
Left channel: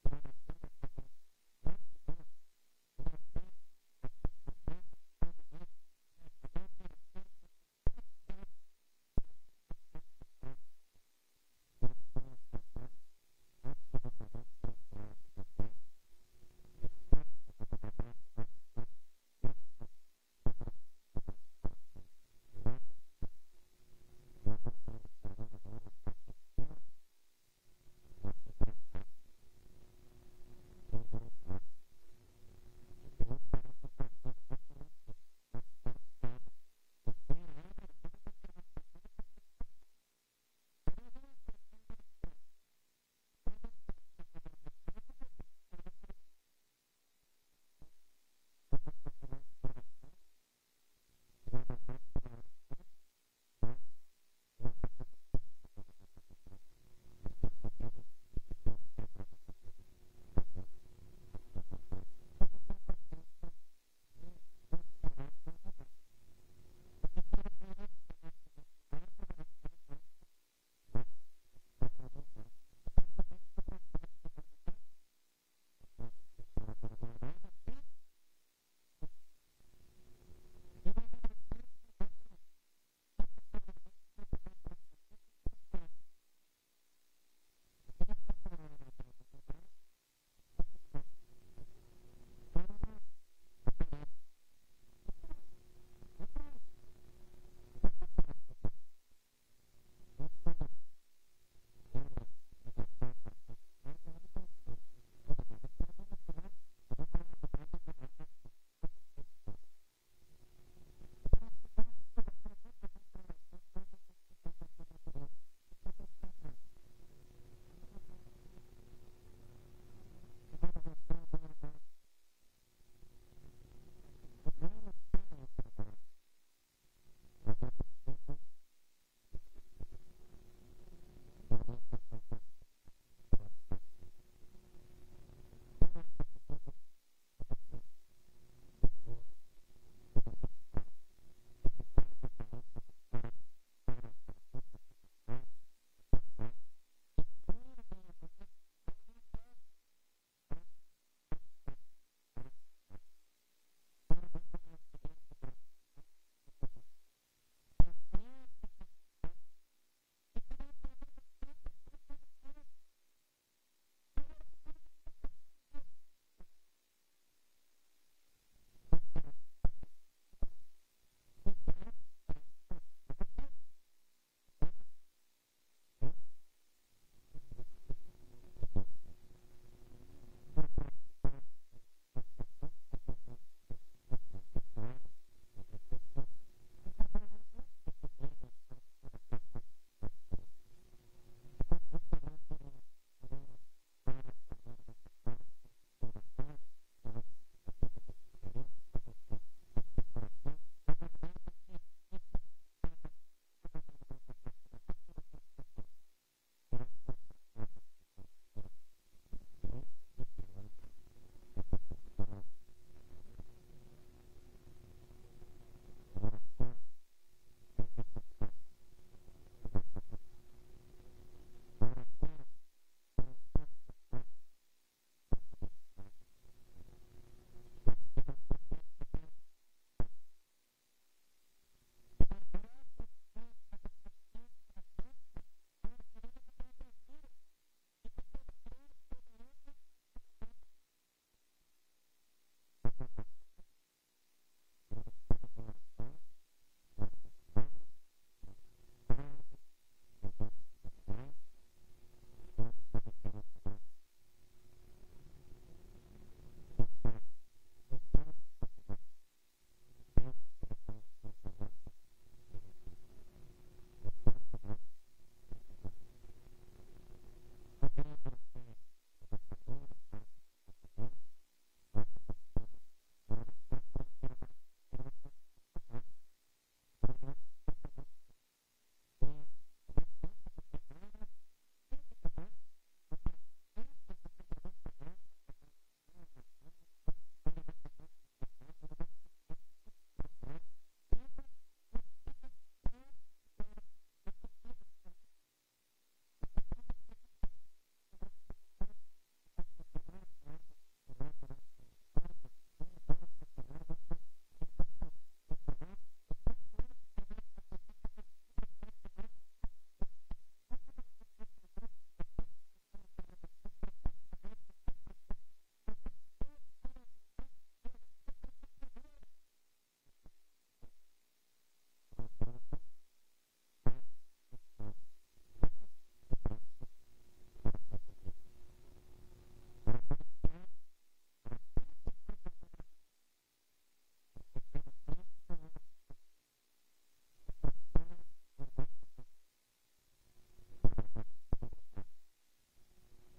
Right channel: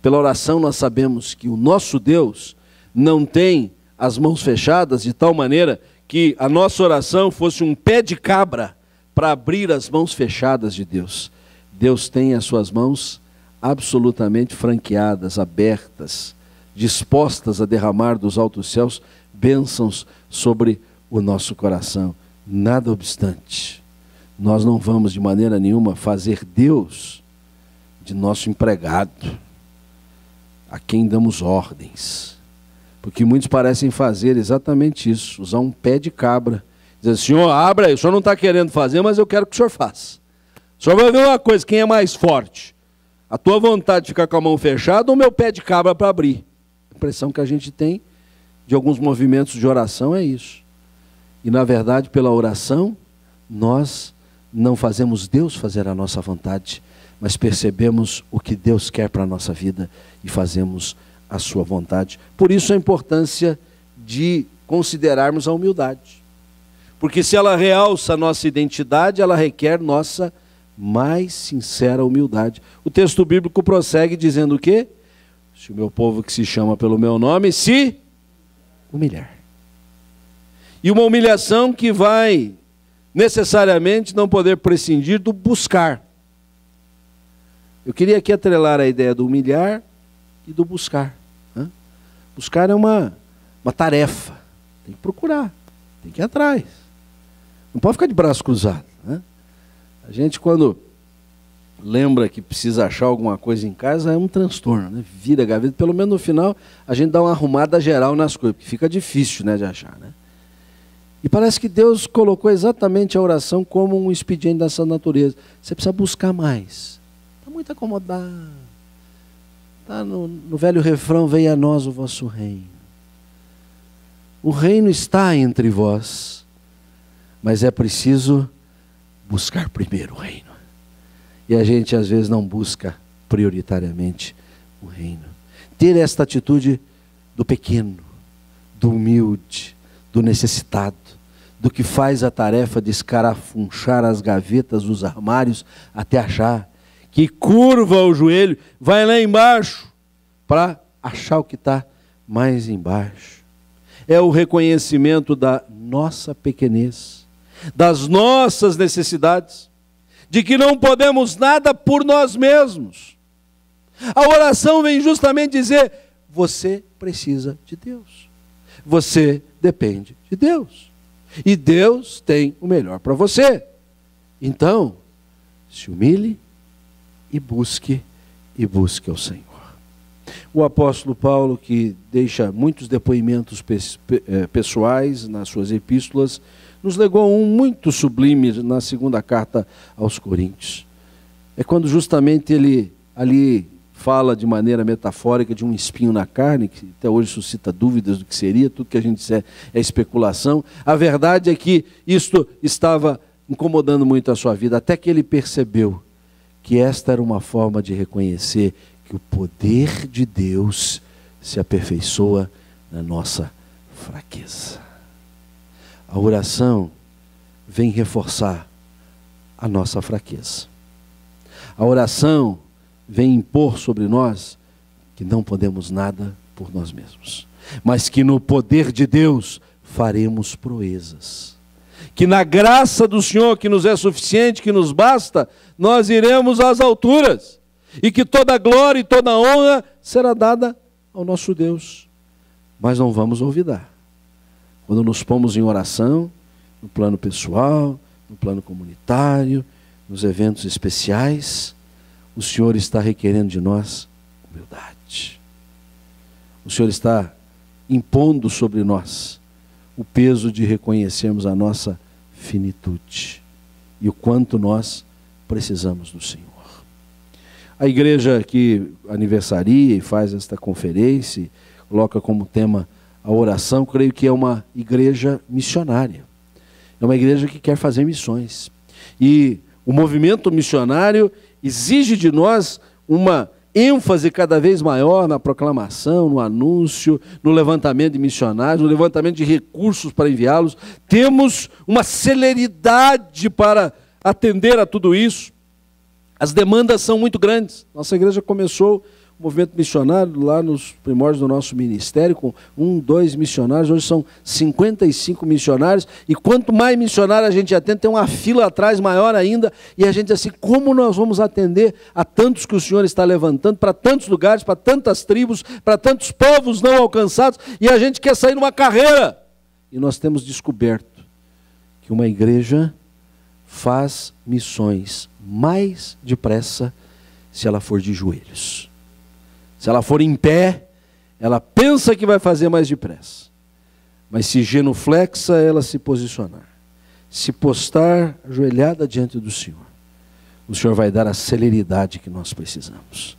pela oração nós sabemos que o nosso Deus não tem as mãos fechadas de tal maneira que a nossa oração fosse um pé de cabra para abrir as mãos fechadas de Deus. Deus tem as suas mãos absolutamente franqueadas, abertas, dispostas a derramar dos altos céus bênçãos sobre o nosso coração. Nada obstante, nós não vamos de maneira nenhuma fazer Deus de nosso empregado, a quem damos ordens. Porque muitos parecem fazer exatamente isso, usar um pé de cabra. Dizer, Senhor, abra aí, o Senhor não está querendo fazer, mas eu quero que o Senhor faça. O Senhor vai ver uma coisa, quem é mais forte? A tua vontade de ficar com a mão fechada ou o meu pé de cabra para abrir? A impressão que a gente tem de alguns movimentos de oração é isso. E na verdade, pela oração, nós não fazemos Deus fazer a nossa vontade, mas percebemos o que Deus quer para a nossa vida e fazemos a sua vontade. Por isso a importância de considerarmos a humildade. Porque se ela realça a nossa identidade, ela requer nossa mais sincera humildade. O texto bíblico prossegue dizendo o quê? Se o meu povo que se chama pelo meu nome se humilhar. E uma humilhação que vai necessariamente não poder prescindir do buscar. Eu queria aqui atrelar a ideia do humilhar e do buscar. Buscar é uma tarefa. Tem que procurar, tem que ir atrás. Não pode ficar de braço cruzado. A gente, quando lembra que precisa achar alguma coisa em casa, é um transtorno. Vira a gaveta, pelo menos no final, a gente dá uma arrumada geral nas coisas, porque fica difícil de achar. E parece que Deus colocou exatamente a oração como um expediente dessa natureza. Você precisa buscar mais. Está muito acomodado. Está no velho refrão, venha a nós o vosso reino. O reino está entre vós, mas é preciso buscar primeiro o reino. E a gente às vezes não busca prioritariamente o reino. Ter esta atitude do pequeno, do humilde, do necessitado, do que faz a tarefa de escarafunchar as gavetas dos armários até achar, que curva o joelho, vai lá embaixo para achar o que está mais embaixo. É o reconhecimento da nossa pequenez, das nossas necessidades, de que não podemos nada por nós mesmos. A oração vem justamente dizer, você precisa de Deus. Você depende de Deus. E Deus tem o melhor para você. Então, se humilhe e busque ao Senhor. O apóstolo Paulo, que deixa muitos depoimentos pessoais nas suas epístolas, nos legou um muito sublime na segunda carta aos Coríntios. É quando justamente ele ali fala de maneira metafórica de um espinho na carne, que até hoje suscita dúvidas do que seria, tudo que a gente disser é especulação. A verdade é que isto estava incomodando muito a sua vida, até que ele percebeu que esta era uma forma de reconhecer que o poder de Deus se aperfeiçoa na nossa fraqueza. A oração vem reforçar a nossa fraqueza. A oração vem impor sobre nós que não podemos nada por nós mesmos, mas que no poder de Deus faremos proezas. Que na graça do Senhor, que nos é suficiente, que nos basta, nós iremos às alturas. E que toda glória e toda honra será dada ao nosso Deus. Mas não vamos olvidar. Quando nos pomos em oração, no plano pessoal, no plano comunitário, nos eventos especiais, o Senhor está requerendo de nós humildade. O Senhor está impondo sobre nós o peso de reconhecermos a nossa finitude e o quanto nós precisamos do Senhor. A igreja que aniversaria e faz esta conferência, coloca como tema a oração, creio que é uma igreja missionária. É uma igreja que quer fazer missões. E o movimento missionário exige de nós uma ênfase cada vez maior na proclamação, no anúncio, no levantamento de missionários, no levantamento de recursos para enviá-los. Temos uma celeridade para atender a tudo isso. As demandas são muito grandes. Nossa igreja começou o movimento missionário lá nos primórdios do nosso ministério, com 2 missionários, hoje são 55 missionários, e quanto mais missionário a gente atende, tem uma fila atrás maior ainda, e a gente diz assim, como nós vamos atender a tantos que o Senhor está levantando, para tantos lugares, para tantas tribos, para tantos povos não alcançados, e a gente quer sair numa carreira. E nós temos descoberto que uma igreja faz missões mais depressa se ela for de joelhos. Se ela for em pé, ela pensa que vai fazer mais depressa. Mas se genuflexa, ela se posicionar. Se postar ajoelhada diante do Senhor, o Senhor vai dar a celeridade que nós precisamos.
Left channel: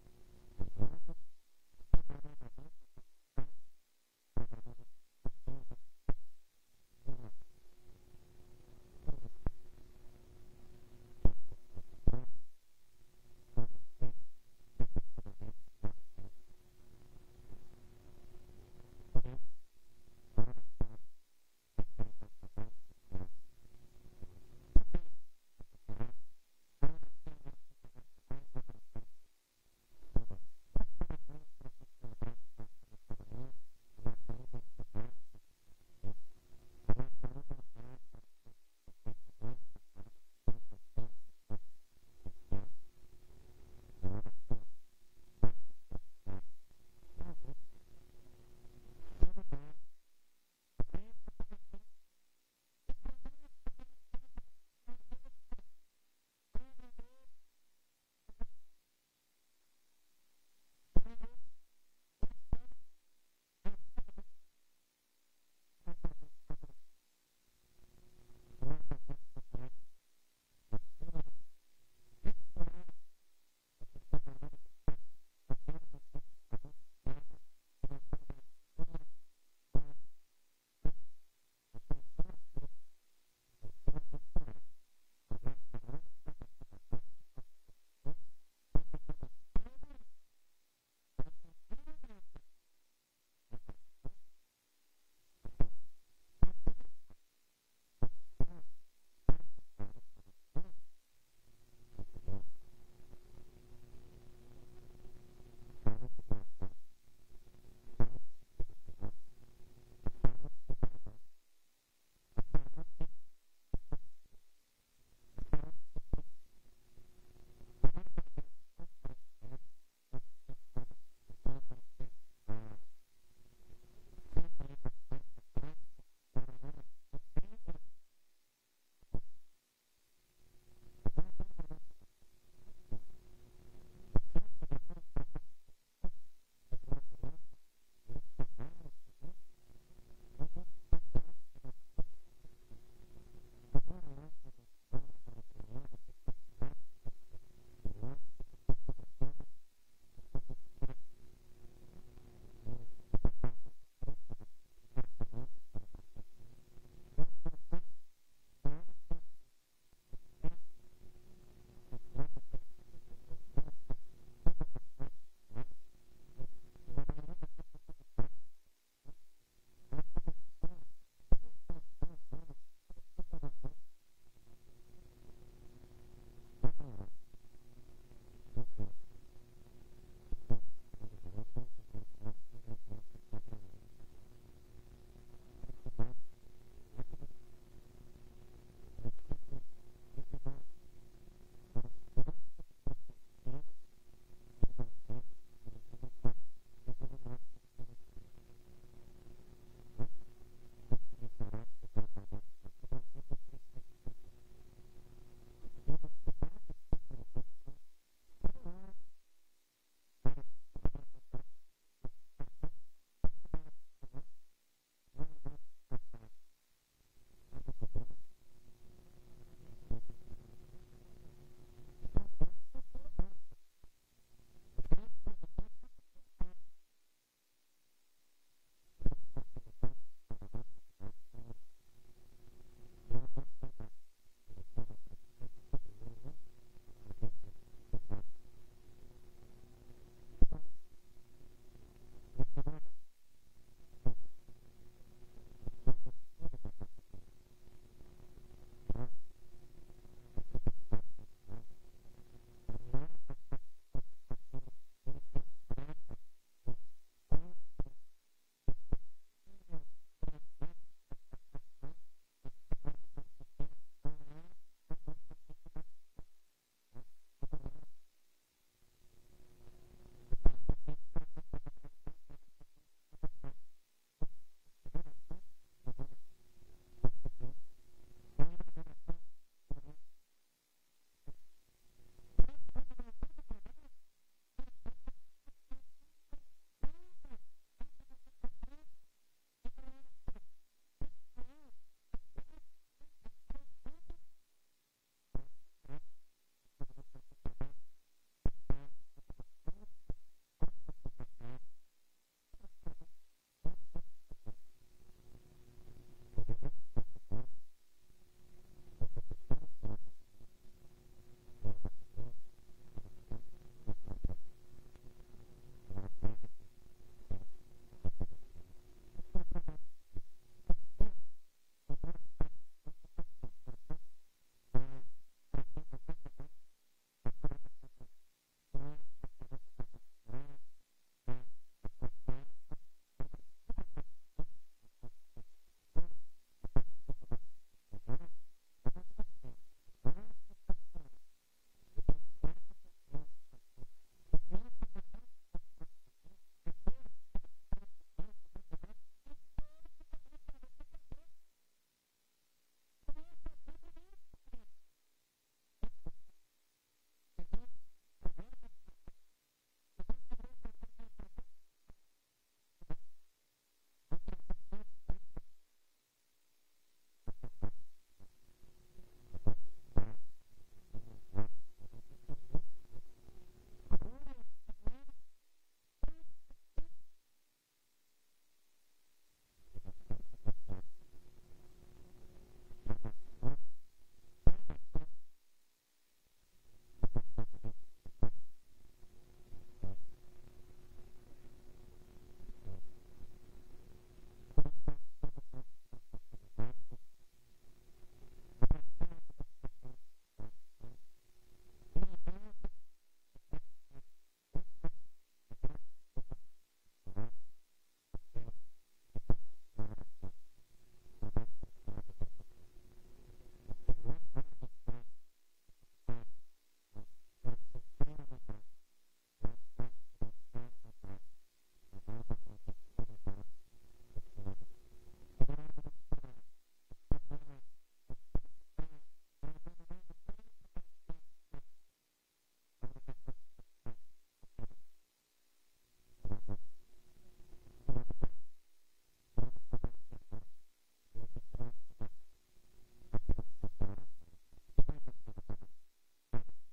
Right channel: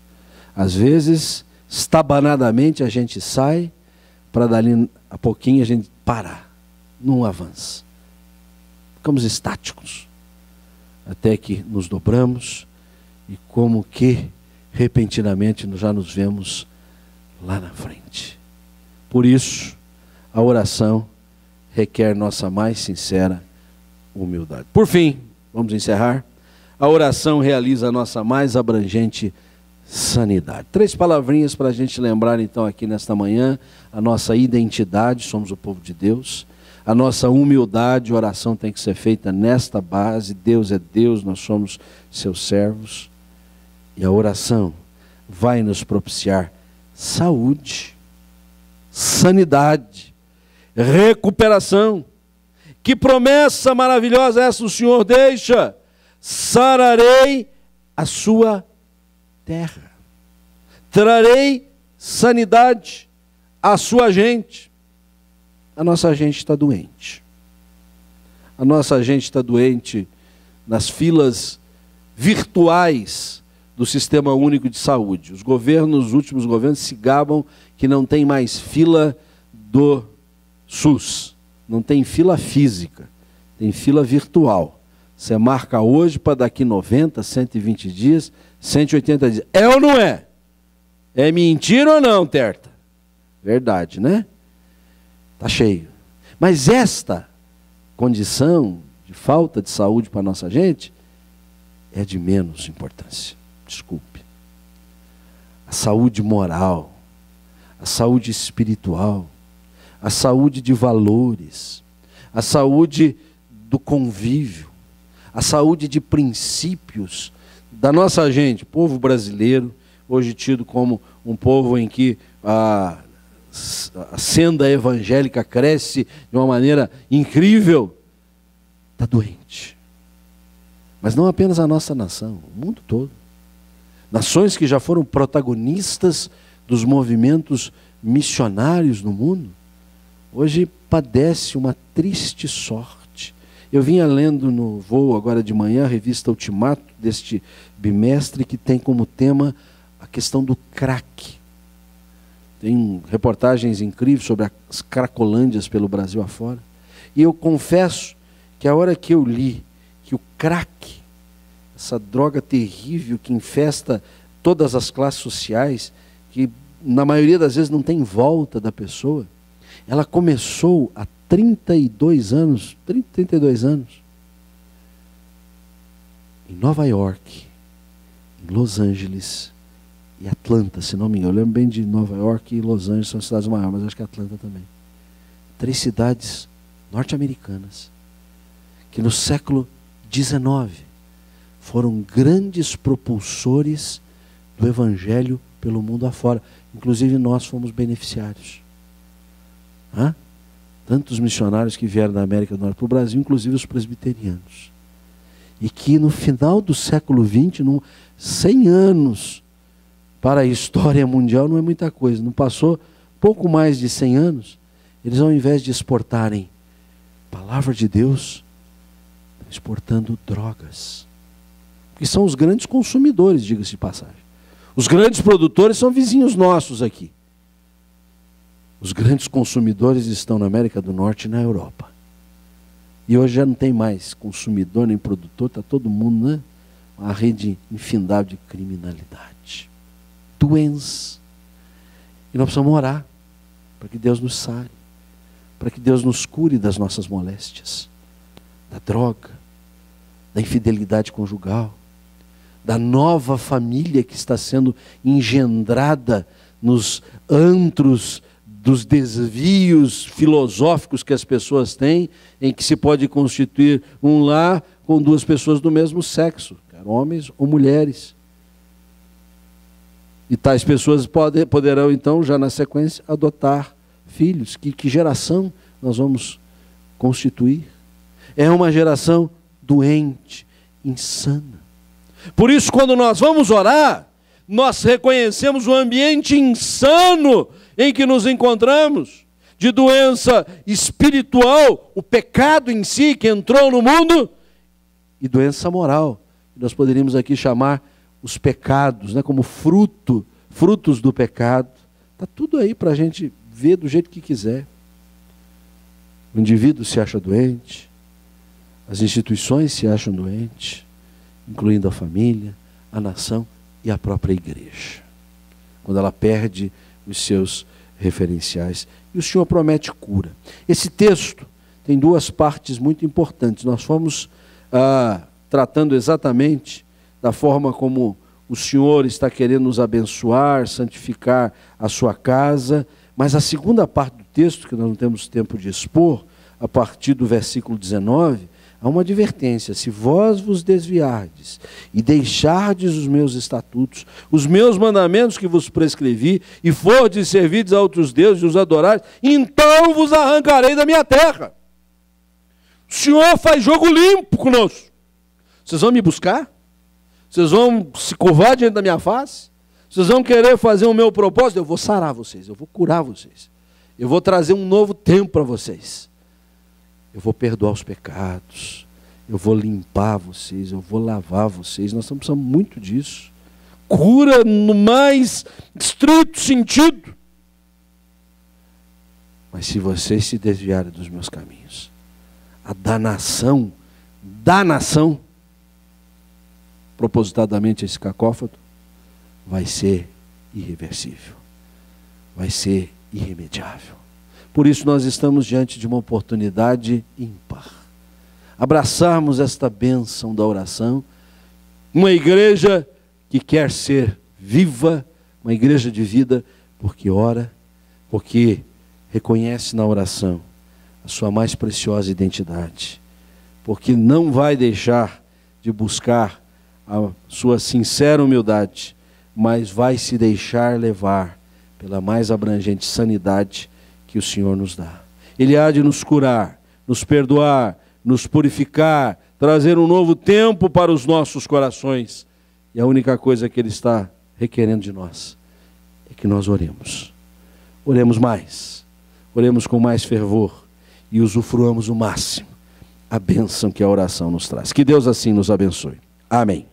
Às vezes, estabanadamente, a gente sai, para dali a pouquinho a gente parar. Não avança. Ficamos estáticos. Até que nos dobramos e como que repentinamente já nos vemos lá na frente. Por isso, a oração requer nossa mais sincera humildade. Por fim, vamos encerrar. A oração realiza a nossa mais abrangente sanidade. 3 palavrinhas para a gente lembrar então aqui nesta manhã. A nossa identidade, somos o povo de Deus. A nossa humildade, a oração tem que ser feita nesta base. Deus é Deus, nós somos seus servos. E a oração vai nos propiciar saúde, sanidade, recuperação. Que promessa maravilhosa essa o Senhor deixa! Sararei a sua terra, trarei sanidade à sua gente. A nossa gente está doente. A nossa gente está doente nas filas virtuais do Sistema Único de Saúde. Os últimos governos se gabam que não tem mais fila do SUS. Não tem fila física, tem fila virtual. Você marca hoje para daqui 90, 120 dias, 180 dias. É ou não é? É mentira ou não, Terta? Verdade, né? Está cheio. Mas esta condição de falta de saúde para a nossa gente é de menos importância. Desculpe. A saúde moral, a saúde espiritual, a saúde de valores, a saúde do convívio, a saúde de princípios da nossa gente, povo brasileiro, hoje tido como um povo em que a senda evangélica cresce de uma maneira incrível, está doente. Mas não apenas a nossa nação, o mundo todo. Nações que já foram protagonistas dos movimentos missionários no mundo, hoje padece uma triste sorte. Eu vinha lendo no voo agora de manhã a revista Ultimato deste bimestre, que tem como tema a questão do crack. Tem reportagens incríveis sobre as cracolândias pelo Brasil afora. E eu confesso que a hora que eu li que o crack, essa droga terrível que infesta todas as classes sociais, que na maioria das vezes não tem volta da pessoa, ela começou há 32 anos, em Nova York, em Los Angeles e Atlanta, se não me engano. Eu lembro bem de Nova York e Los Angeles, são cidades maiores, mas acho que Atlanta também. 3 cidades norte-americanas, que no século XIX foram grandes propulsores do Evangelho pelo mundo afora. Inclusive nós fomos beneficiários. Tantos missionários que vieram da América do Norte para o Brasil, inclusive os presbiterianos. E que no final do século XX, 100 anos para a história mundial não é muita coisa. Não passou pouco mais de 100 anos, eles ao invés de exportarem a palavra de Deus, estão exportando drogas. Que são os grandes consumidores, diga-se de passagem. Os grandes produtores são vizinhos nossos aqui. Os grandes consumidores estão na América do Norte e na Europa. E hoje já não tem mais consumidor nem produtor, está todo mundo, né? Uma rede infindável de criminalidade, doença. E nós precisamos orar para que Deus nos sare, para que Deus nos cure das nossas moléstias, da droga, da infidelidade conjugal, da nova família que está sendo engendrada nos antros dos desvios filosóficos que as pessoas têm, em que se pode constituir um lar com 2 pessoas do mesmo sexo, quer homens ou mulheres. E tais pessoas poderão então, já na sequência, adotar filhos. Que geração nós vamos constituir? É uma geração doente, insana. Por isso, quando nós vamos orar, nós reconhecemos o ambiente insano em que nos encontramos, de doença espiritual, o pecado em si que entrou no mundo, e doença moral, que nós poderíamos aqui chamar os pecados, né, como frutos do pecado. Está tudo aí para a gente ver do jeito que quiser. O indivíduo se acha doente, as instituições se acham doentes, incluindo a família, a nação e a própria igreja. Quando ela perde os seus referenciais. E o Senhor promete cura. Esse texto tem 2 partes muito importantes. Nós fomos tratando exatamente da forma como o Senhor está querendo nos abençoar, santificar a sua casa, mas a segunda parte do texto, que nós não temos tempo de expor, a partir do versículo 19, há uma advertência: se vós vos desviardes e deixardes os meus estatutos, os meus mandamentos que vos prescrevi, e fordes servides a outros deuses e os adorares, então vos arrancarei da minha terra. O Senhor faz jogo limpo conosco. Vocês vão me buscar? Vocês vão se curvar diante da minha face? Vocês vão querer fazer o meu propósito? Eu vou sarar vocês, eu vou curar vocês. Eu vou trazer um novo tempo para vocês. Eu vou perdoar os pecados, eu vou limpar vocês, eu vou lavar vocês. Nós estamos precisando muito disso. Cura no mais estrito sentido. Mas se vocês se desviarem dos meus caminhos, a danação, propositadamente esse cacófato, vai ser irreversível, vai ser irremediável. Por isso nós estamos diante de uma oportunidade ímpar. Abraçarmos esta bênção da oração, uma igreja que quer ser viva, uma igreja de vida, porque ora, porque reconhece na oração a sua mais preciosa identidade, porque não vai deixar de buscar a sua sincera humildade, mas vai se deixar levar pela mais abrangente sanidade que o Senhor nos dá. Ele há de nos curar, nos perdoar, nos purificar, trazer um novo tempo para os nossos corações. E a única coisa que Ele está requerendo de nós é que nós oremos. Oremos mais, oremos com mais fervor e usufruamos o máximo a bênção que a oração nos traz. Que Deus assim nos abençoe. Amém.